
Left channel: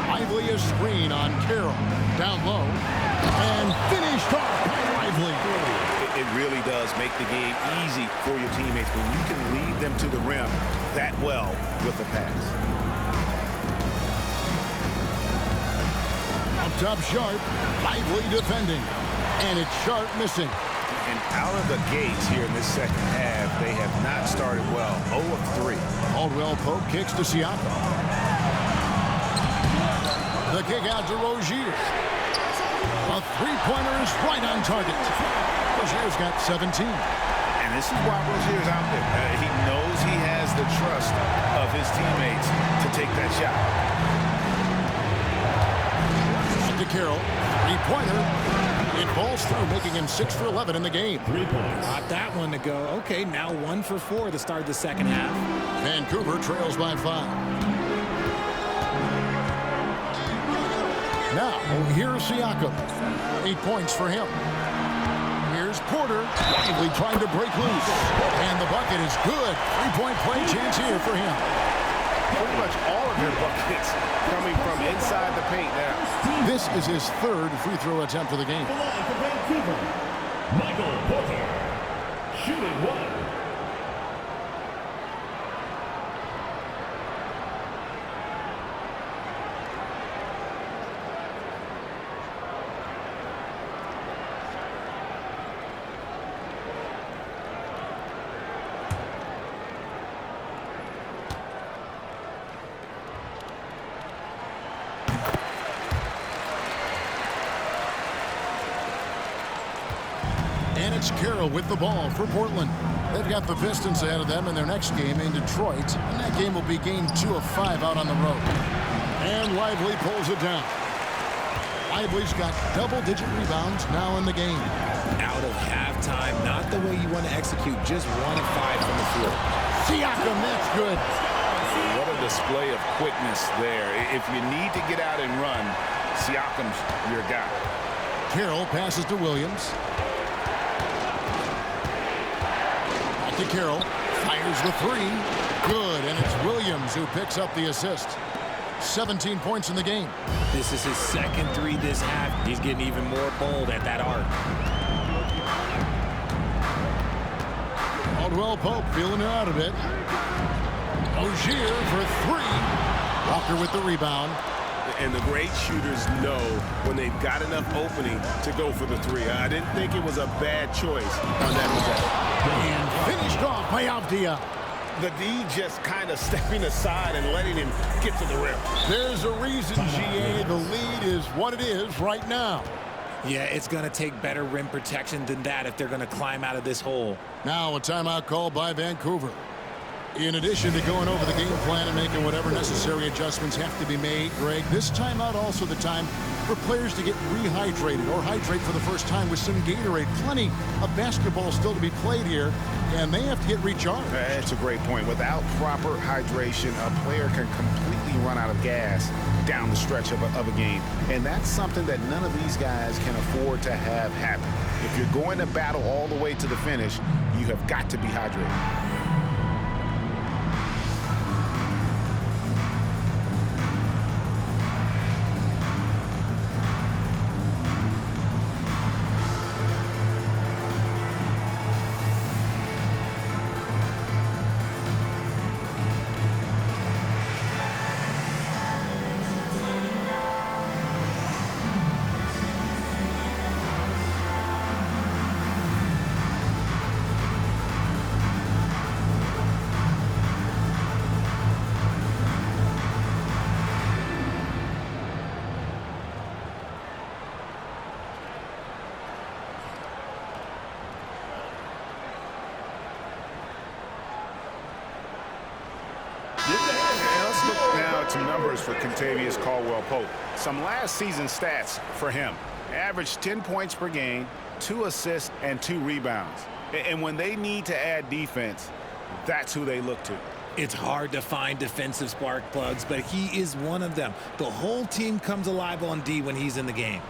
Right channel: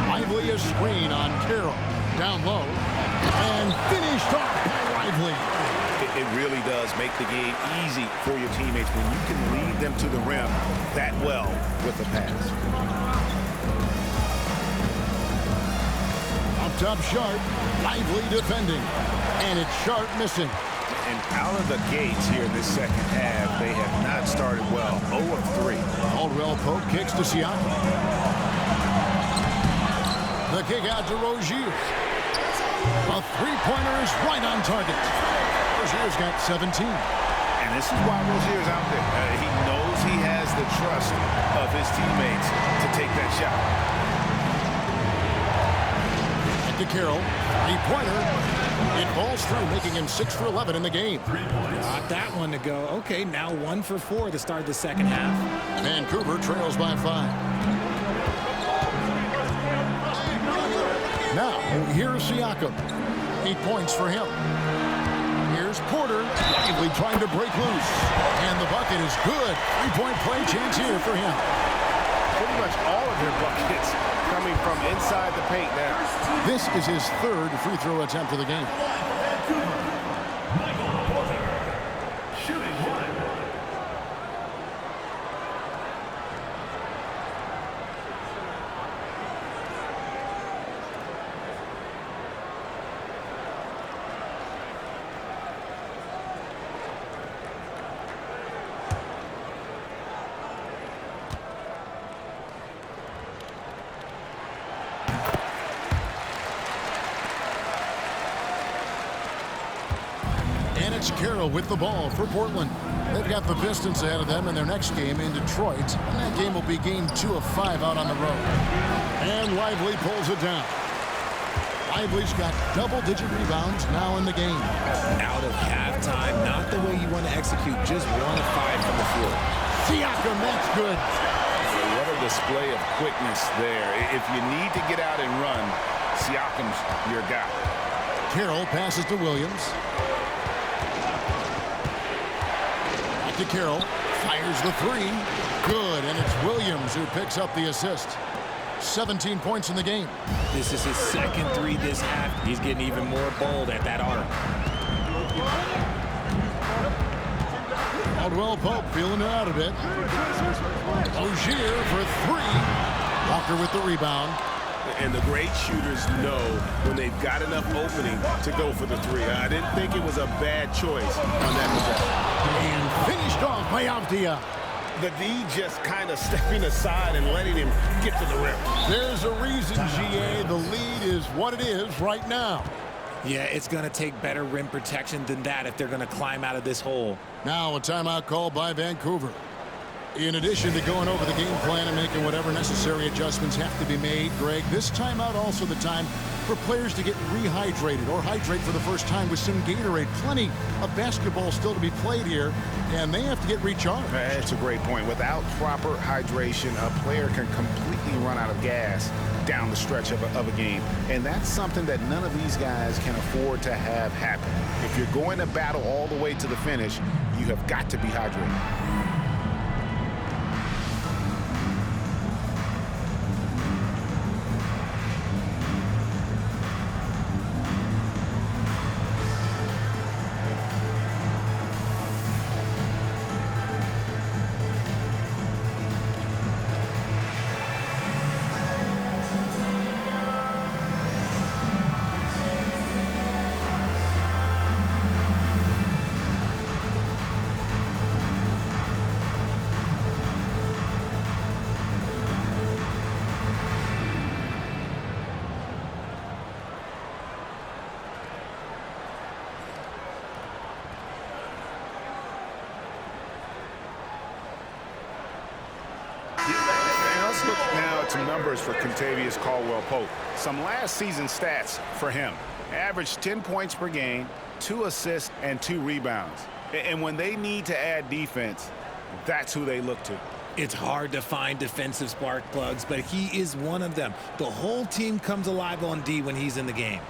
Lively a screen on Carroll. Down low. And finished off by Lively. It really does make the game easy for your teammates when you can lead them to the rim that well with the pass. Up top Sharp. Lively defending. And it's Sharp missing. And out of the gates here in this second half, they have not started well. 0 of 3. Caldwell Pope kicks to Siakam. The kick out to Rozier. A three-pointer is right on target. Rozier's got 17. And this is why Rozier's out there. He knows he has the trust of his teammates to take that shot. Back to Carroll. Three-pointer. It falls through, making him 6 for 11 in the game. 3 points. Got that one to go. Okay, now 1 for 4 to start the second half. Vancouver trails by 5. Now, here's Siakam. 8 points for him. Here's Porter, lively trying to break loose. And the bucket is good. 3-point play chance here for him. Pretty much all of their buckets coming from inside the paint now. This is his third free throw attempt of the game. The line for Vancouver, Michael Porter, shooting one. And it's Carroll with the ball for Portland. They've got the Pistons ahead of them in their next game in Detroit. And that game will be game 2 of 5 out on the road. And Lively pulls it down. Lively's got double-digit rebounds now in the game. Out of halftime, not the way you want to execute, just 1 of 5 from the field. Siakam, that's good. So what a display of quickness there. If you need to get out and run, Siakam's your guy. Carroll passes to Williams. Back to Carroll. Fires the 3. Good, and it's Williams who picks up the assist. 17 points in the game. This is his second 3 this half. He's getting even more bold at that arc. Caldwell Pope feeling it out a bit. Ogier for 3. Walker with the rebound. And the great shooters know when they've got enough opening to go for the 3. I didn't think it was a bad choice on that possession. And finished off by Avdia. The D just kind of stepping aside and letting him get to the rim. There's a reason, GA. The lead is what it is right now. Yeah, it's going to take better rim protection than that if they're going to climb out of this hole. Now a timeout called by Vancouver. In addition to going over the game plan and making whatever necessary adjustments have to be made, Greg, this timeout also the time for players to get rehydrated or hydrate for the first time with some Gatorade. Plenty of basketball still to be played here, and they have to get recharged. That's a great point. Without proper hydration, a player can completely run out of gas down the stretch of a game. And that's something that none of these guys can afford to have happen. If you're going to battle all the way to the finish, you have got to be hydrated. And let's look now at some numbers for Kentavious Caldwell-Pope. Some last season stats for him. Averaged 10 points per game, 2 assists, and 2 rebounds. And when they need to add defense, that's who they look to. It's hard to find defensive spark plugs, but he is one of them. The whole team comes alive on D when he's in the game.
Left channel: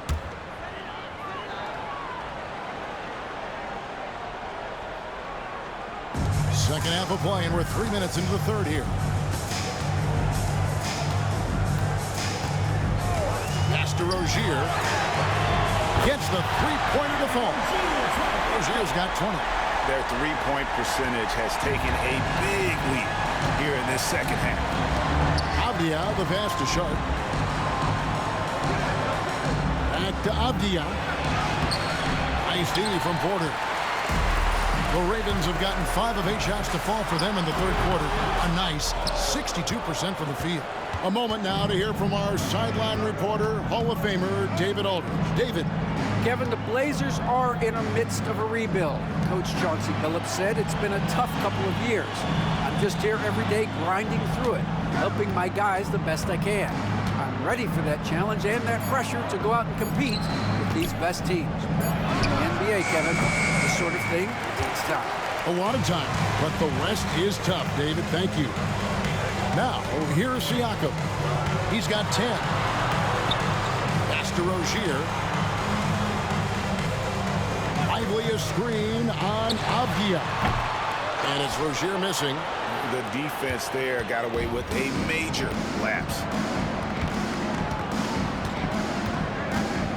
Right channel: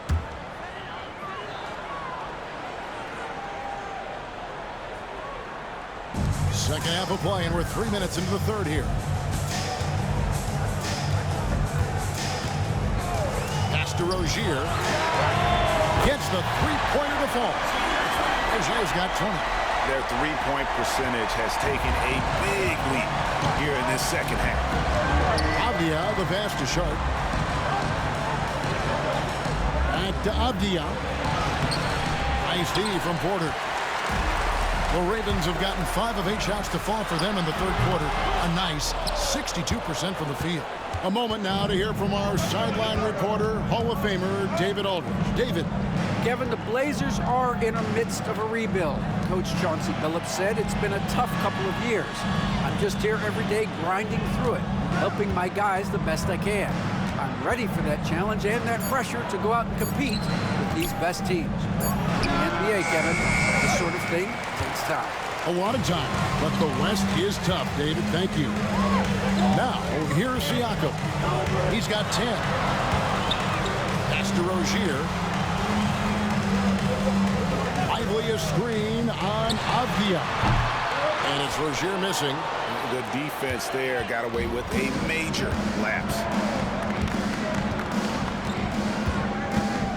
Second half of play, and we're 3 minutes into the third here. Pass to Rozier. Gets the three-pointer to fall. Rozier's got 20. Their three-point percentage has taken a big leap here in this second half. Avdia, the pass to Sharp. Back to Avdia. Nice D from Porter. The Ravens have gotten 5 of 8 shots to fall for them in the third quarter. A nice 62% from the field. A moment now to hear from our sideline reporter, Hall of Famer David Aldridge. David. Kevin, the Blazers are in the midst of a rebuild. Coach Chauncey Billups said it's been a tough couple of years. I'm just here every day grinding through it, helping my guys the best I can. I'm ready for that challenge and that pressure to go out and compete with these best teams. But in the NBA, Kevin, this sort of thing takes time. A lot of time, but the West is tough, David. Thank you. Now, here's Siakam. He's got 10. to Rozier. Lively a screen on Avdia. And it's Rozier missing. The defense there got away with a major lapse.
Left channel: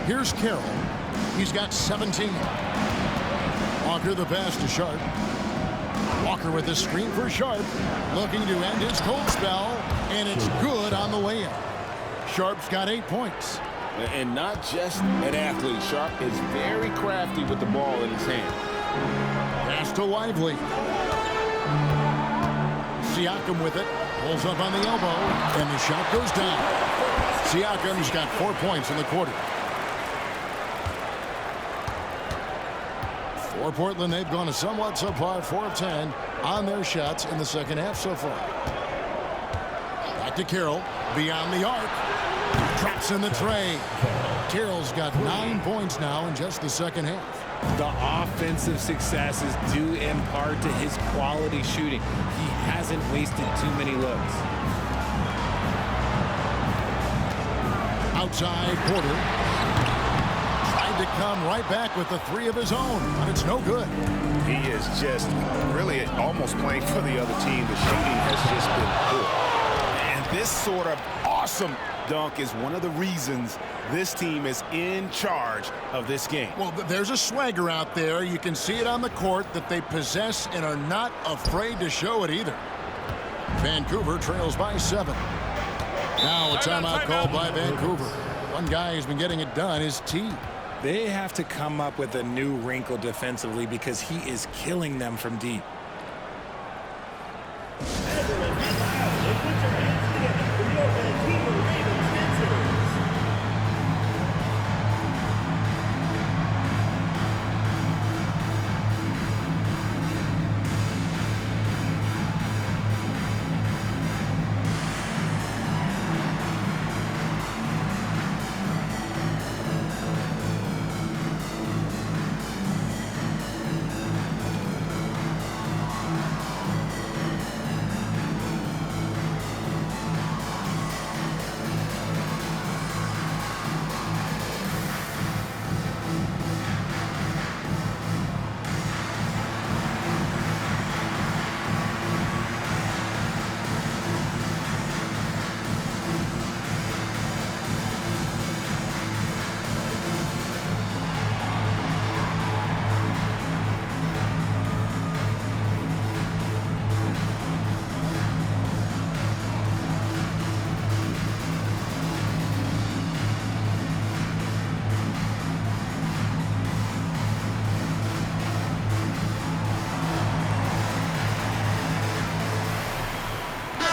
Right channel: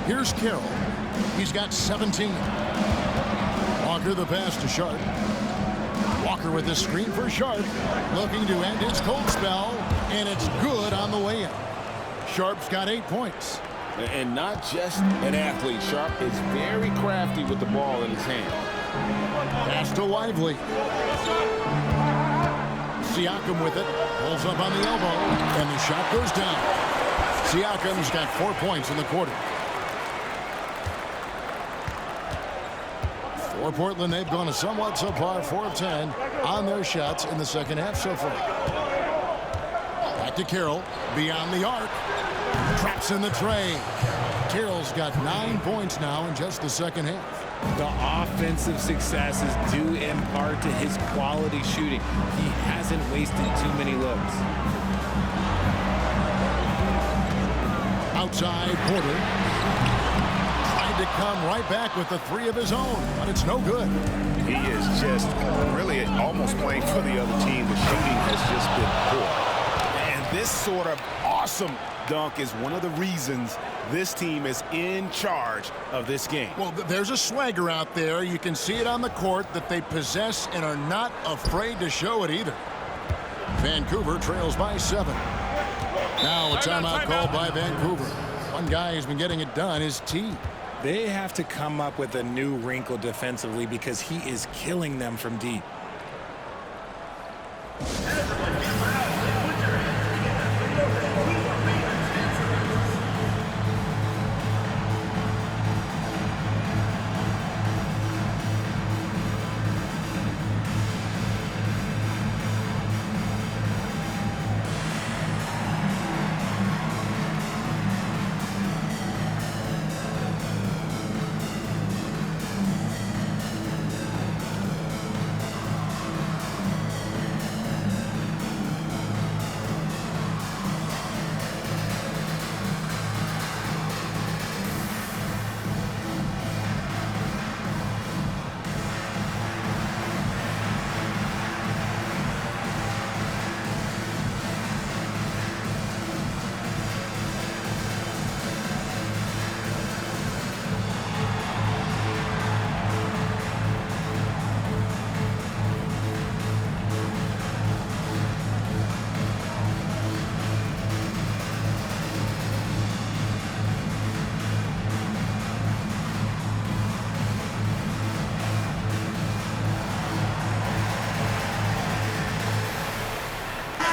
Here's Carroll. He's got 17. Walker the pass to Sharp. Walker with a screen for Sharp. Looking to end his cold spell. And it's good on the way in. Sharp's got 8 points. And not just an athlete. Sharp is very crafty with the ball in his hand. Pass to Lively. Siakam with it. Pulls up on the elbow. And the shot goes down. Siakam's got 4 points in the quarter. For Portland, they've gone a somewhat subpar 4 of 10 on their shots in the second half so far. Back to Carroll. Beyond the arc. Traps in the tray. Carroll's got 9 points now in just the second half. The offensive success is due in part to his quality shooting. He hasn't wasted too many looks. Outside, Porter. Tried to come right back with the 3 of his own, but it's no good. He is just really almost playing for the other team. The shooting has just been poor. And this sort of awesome dunk is one of the reasons this team is in charge of this game. Well, there's a swagger out there. You can see it on the court that they possess and are not afraid to show it either. Vancouver trails by 7. Now a timeout called by Vancouver. One guy who's been getting it done is T. They have to come up with a new wrinkle defensively because he is killing them from deep.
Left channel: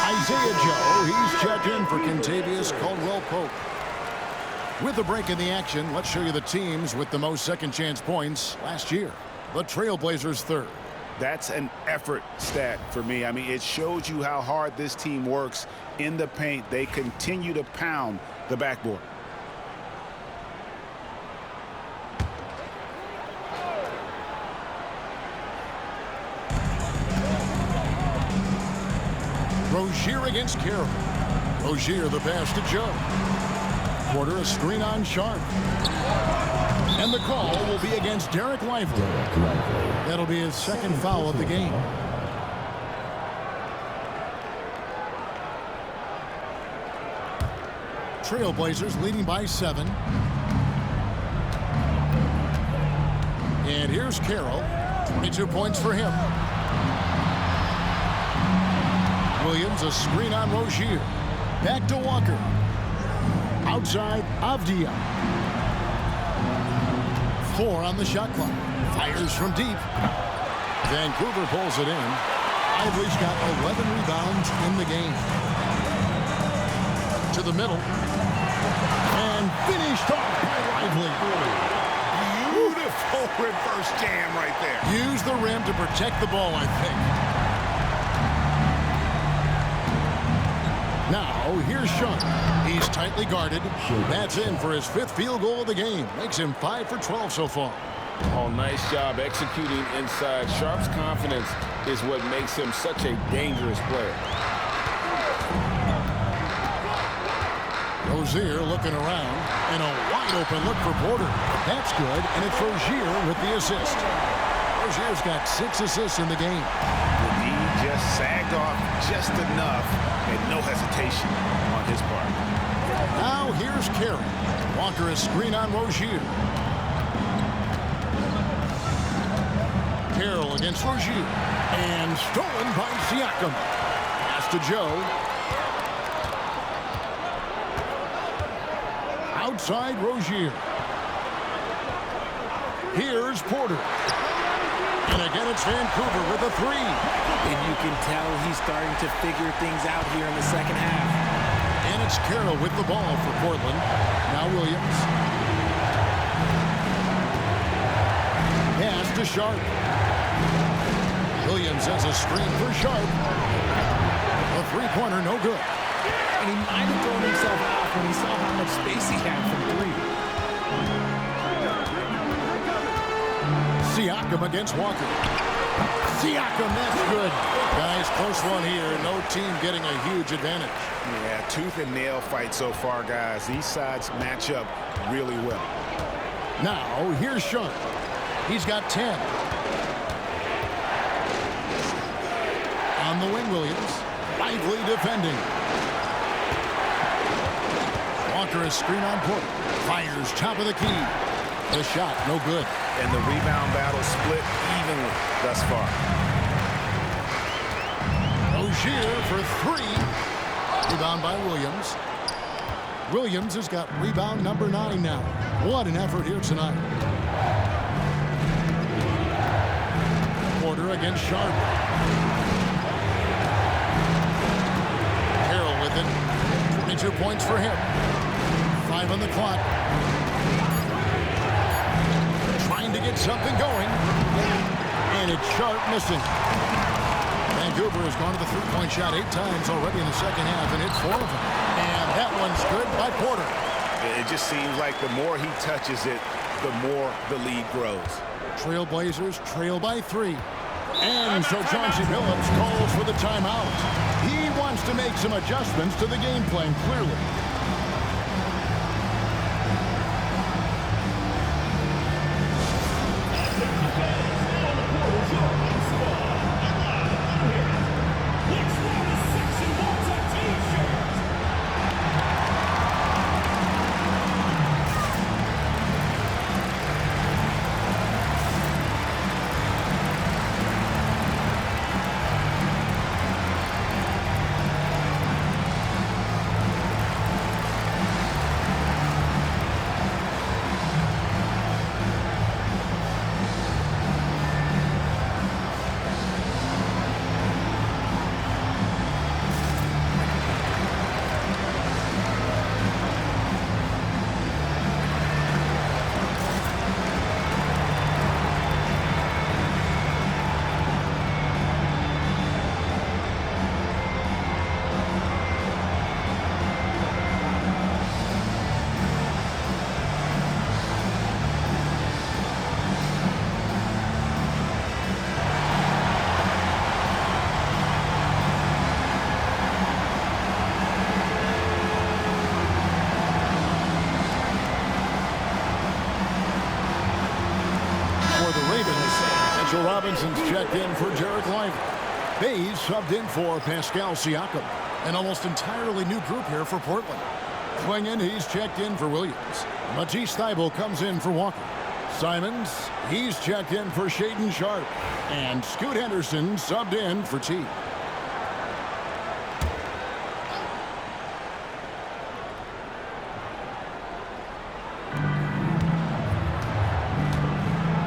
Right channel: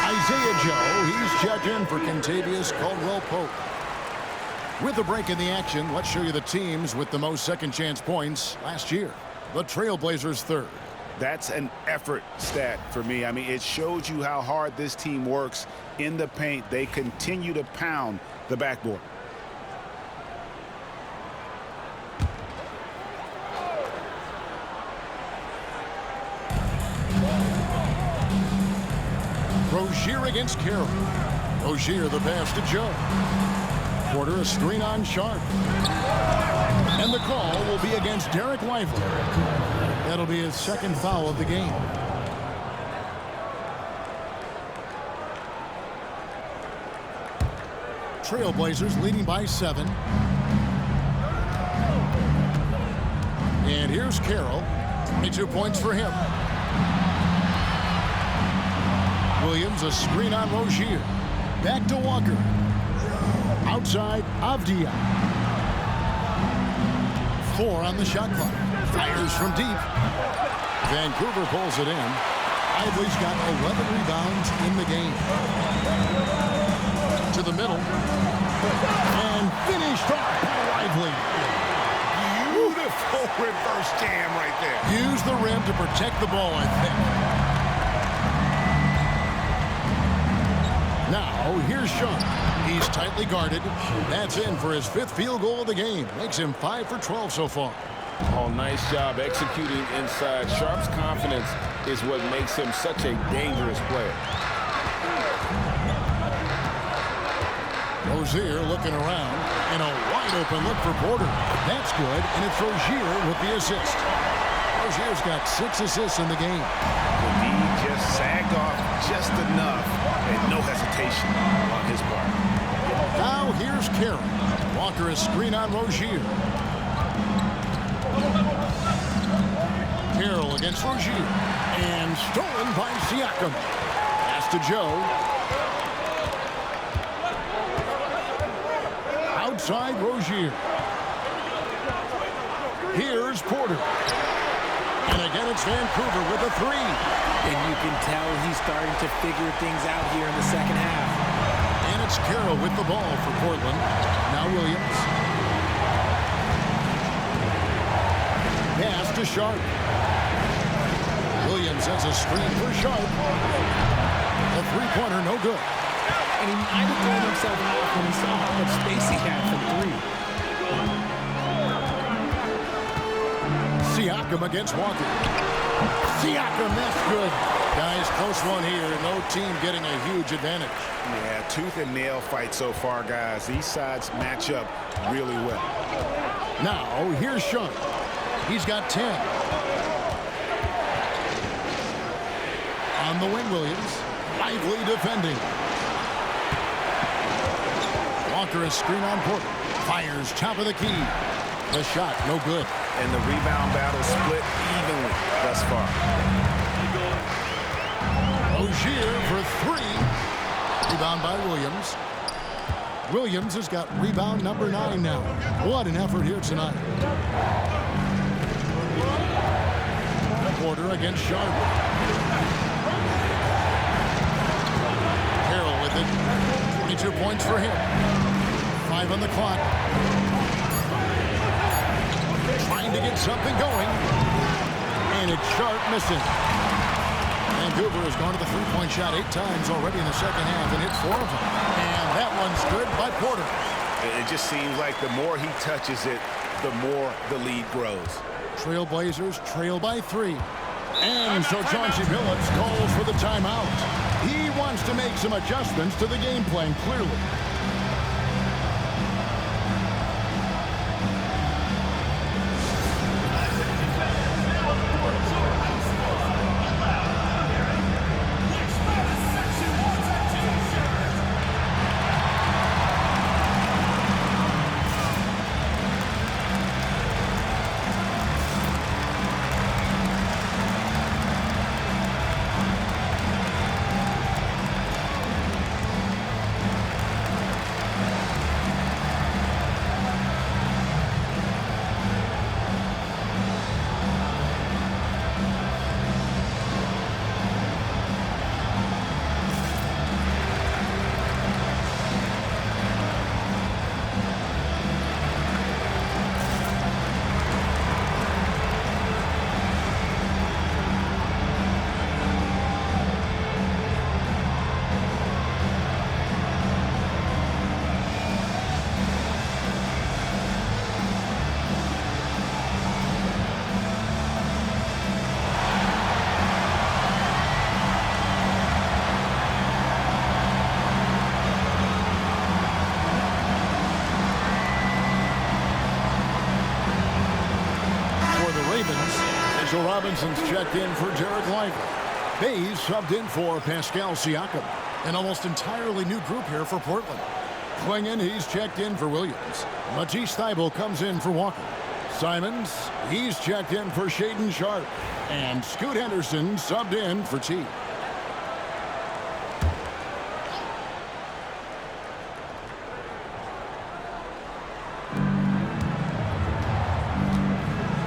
Isaiah Joe, he's checked in for Kentavious Caldwell-Pope. With a break in the action, let's show you the teams with the most second chance points last year. The Trailblazers third. That's an effort stat for me. I mean, it shows you how hard this team works in the paint. They continue to pound the backboard. Rozier against Carroll. Rozier the pass to Joe. Porter a screen on Sharp. And the call will be against Derek Lively. That'll be his second foul of the game. Trailblazers leading by 7. And here's Carroll. 22 points for him. Williams, a screen on Rozier. Back to Walker. Outside, Avdia. 4 on the shot clock. Fires from deep. Vancouver pulls it in. Lively's got 11 rebounds in the game. To the middle. And finished off by Lively. Beautiful reverse jam right there. Use the rim to protect the ball, I think. Now, here's Sean. He's tightly guarded. That's in for his 5th field goal of the game. Makes him 5 for 12 so far. Oh, nice job executing inside. Sharp's confidence is what makes him such a dangerous player. Rozier looking around, and a wide open look for Porter. That's good, and it's Rozier with the assist. Rozier's got 6 assists in the game. The D just sagged off just enough, and no hesitation on his part. Now here's Carey. Walker is screen on Rozier. Carroll against Rozier. And stolen by Siakam. Pass to Joe. Outside Rozier. Here's Porter. And again, it's Vancouver with a 3. And you can tell he's starting to figure things out here in the second half. And it's Carroll with the ball for Portland. Now Williams. Pass to Sharp. Williams has a screen for Sharp. A three-pointer, no good. And he might have thrown himself off when he saw how much space he had from 3. Siakam against Walker. Siakam, that's good. Guys, close one here. No team getting a huge advantage. Yeah, tooth and nail fight so far, guys. These sides match up really well. Now, here's Sharp. He's got 10. On the wing, Williams. Lively defending. Walker is screen on Porter. Fires top of the key. The shot, no good. And the rebound battle split evenly thus far. Rozier for 3. Rebound by Williams. Williams has got rebound number 9 now. What an effort here tonight. Porter against Sharp. Carroll with it. 22 points for him. 5 on the clock. Trying to get something going. And it's Sharp missing. Vancouver has gone to the three-point shot 8 times already in the second half and hit 4 of them. And that one's good by Porter. It just seems like the more he touches it, the more the lead grows. Trailblazers trail by 3. And so Chauncey Billups calls for the timeout. He wants to make some adjustments to the game plan, clearly. For the Ravens, Mitchell Robinson's checked in for Jarek Lively. Bays subbed in for Pascal Siakam. An almost entirely new group here for Portland. Klingon, he's checked in for Williams. Matisse Thybulle comes in for Walker. Simons, he's checked in for Shaedon Sharp. And Scoot Henderson subbed in for T.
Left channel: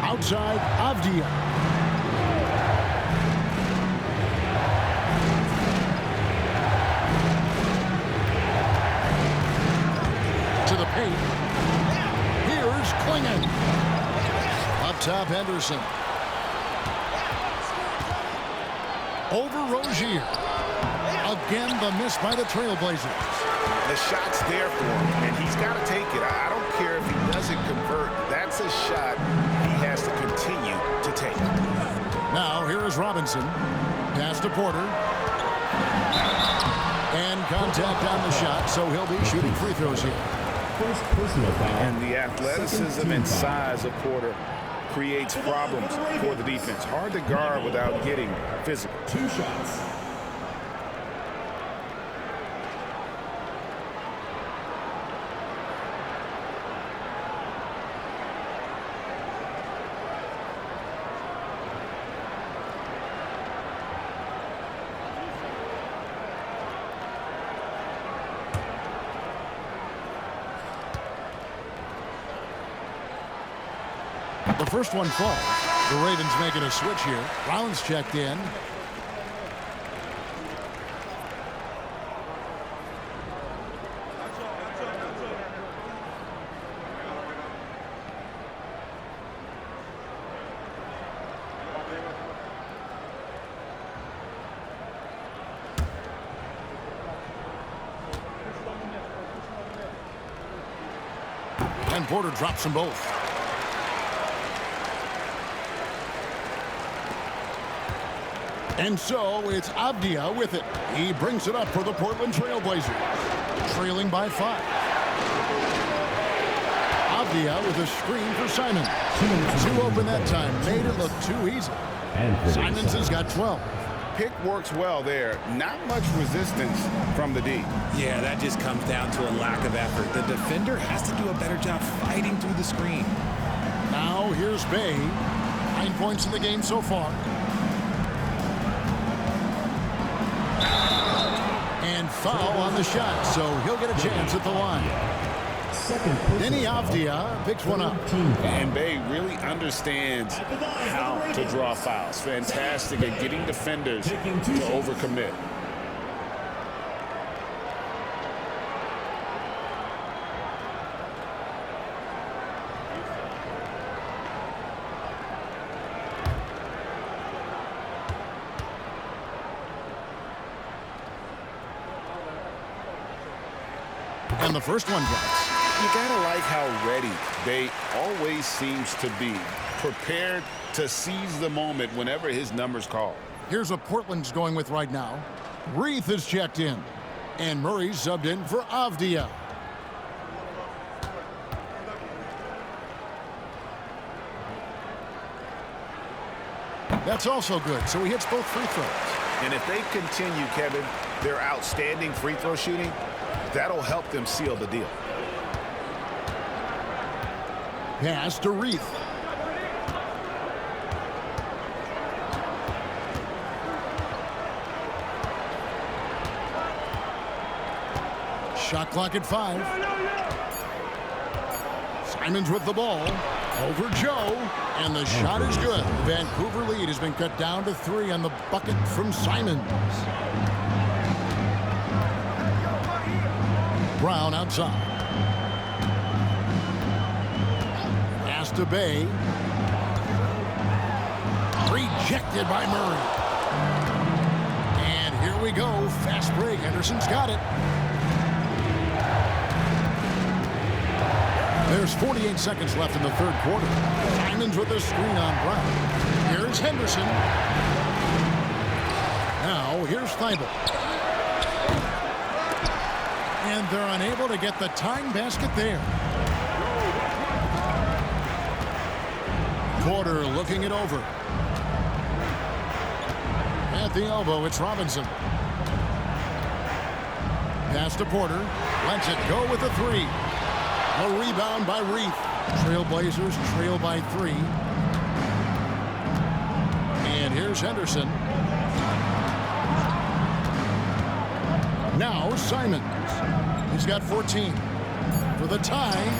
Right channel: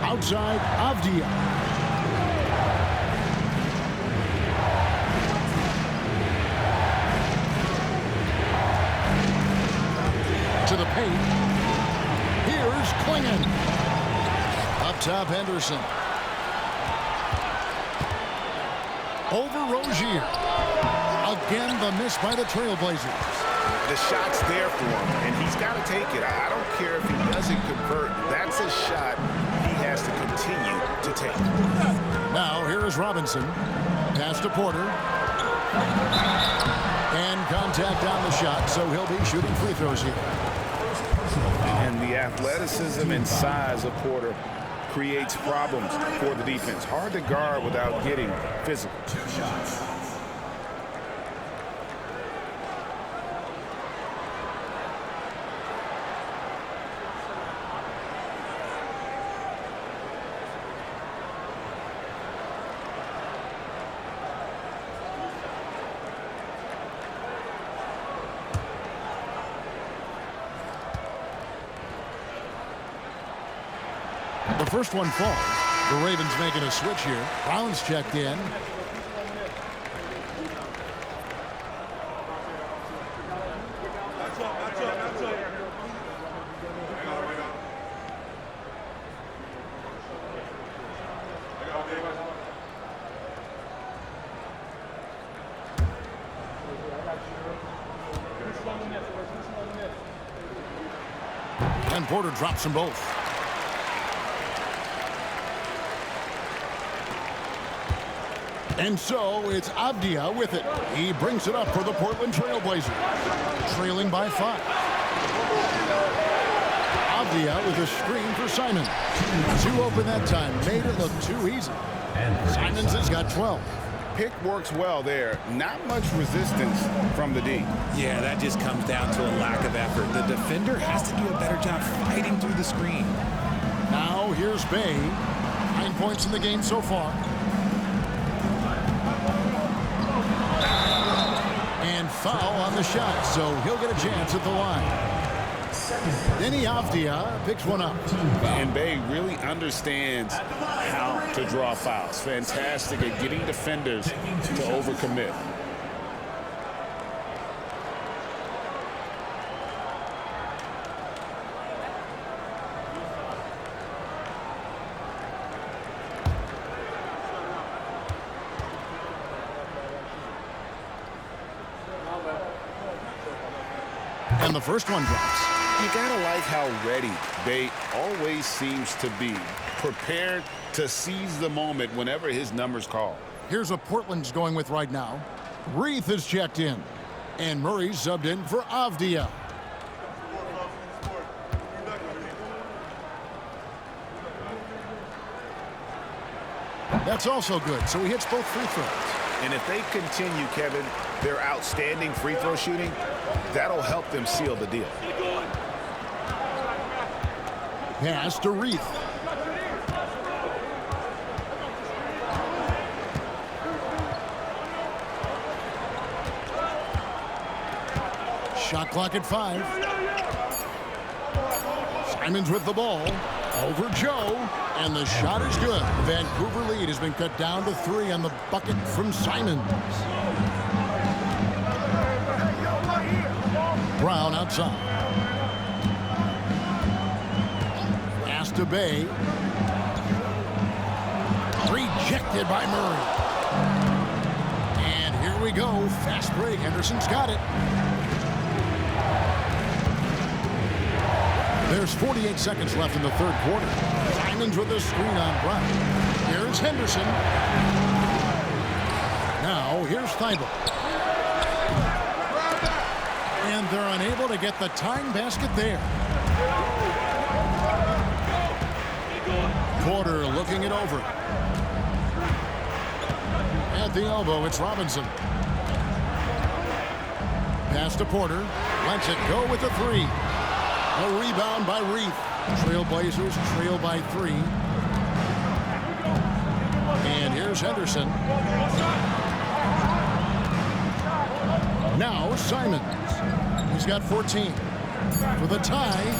Outside, Avdia. To the paint. Here's Klingon. Up top, Henderson. Over Rozier. Again, the miss by the Trailblazers. The shot's there for him, and he's got to take it. I don't care if he doesn't convert. That's a shot he has to continue to take. Now, here is Robinson. Pass to Porter. And contact on the shot, so he'll be shooting free throws here. First personal foul. And the athleticism and size of Porter creates problems for the defense. Hard to guard without getting physical. 2 shots. The first one falls. The Ravens making a switch here. Brown's checked in. And Porter drops them both. And so it's Avdia with it. He brings it up for the Portland Trailblazers, trailing by 5. Avdia with a screen for Simon. 2 open that time, made it look too easy. Simons has got 12. Pick works well there. Not much resistance from the D. Yeah, that just comes down to a lack of effort. The defender has to do a better job fighting through the screen. Now here's Bay. 9 points in the game so far. And foul on the shot, so he'll get a chance at the line. Denny Avdia picks one up. And Bay really understands how to draw fouls. Fantastic at getting defenders to overcommit. And the first one drops. You gotta like how ready Bay always seems to be, prepared to seize the moment whenever his number's called. Here's what Portland's going with right now. Reith is checked in. And Murray's subbed in for Avdia. That's also good, so he hits both free throws. And if they continue, Kevin, their outstanding free throw shooting, that'll help them seal the deal. Pass to Reith. Shot clock at 5. Simons with the ball. Over Joe. And the shot is good. The Vancouver lead has been cut down to 3 on the bucket from Simons. Brown outside. Pass to Bay. Rejected by Murray. And here we go. Fast break. Henderson's got it. There's 48 seconds left in the third quarter. Simons with a screen on Brown. Here's Henderson. Now here's Thibault. And they're unable to get the tying basket there. Porter looking it over. At the elbow, it's Robinson. Pass to Porter. Lets it go with the 3. A rebound by Reith. Trailblazers trail by 3. And here's Henderson. Now Simons. He's got 14 for the tie.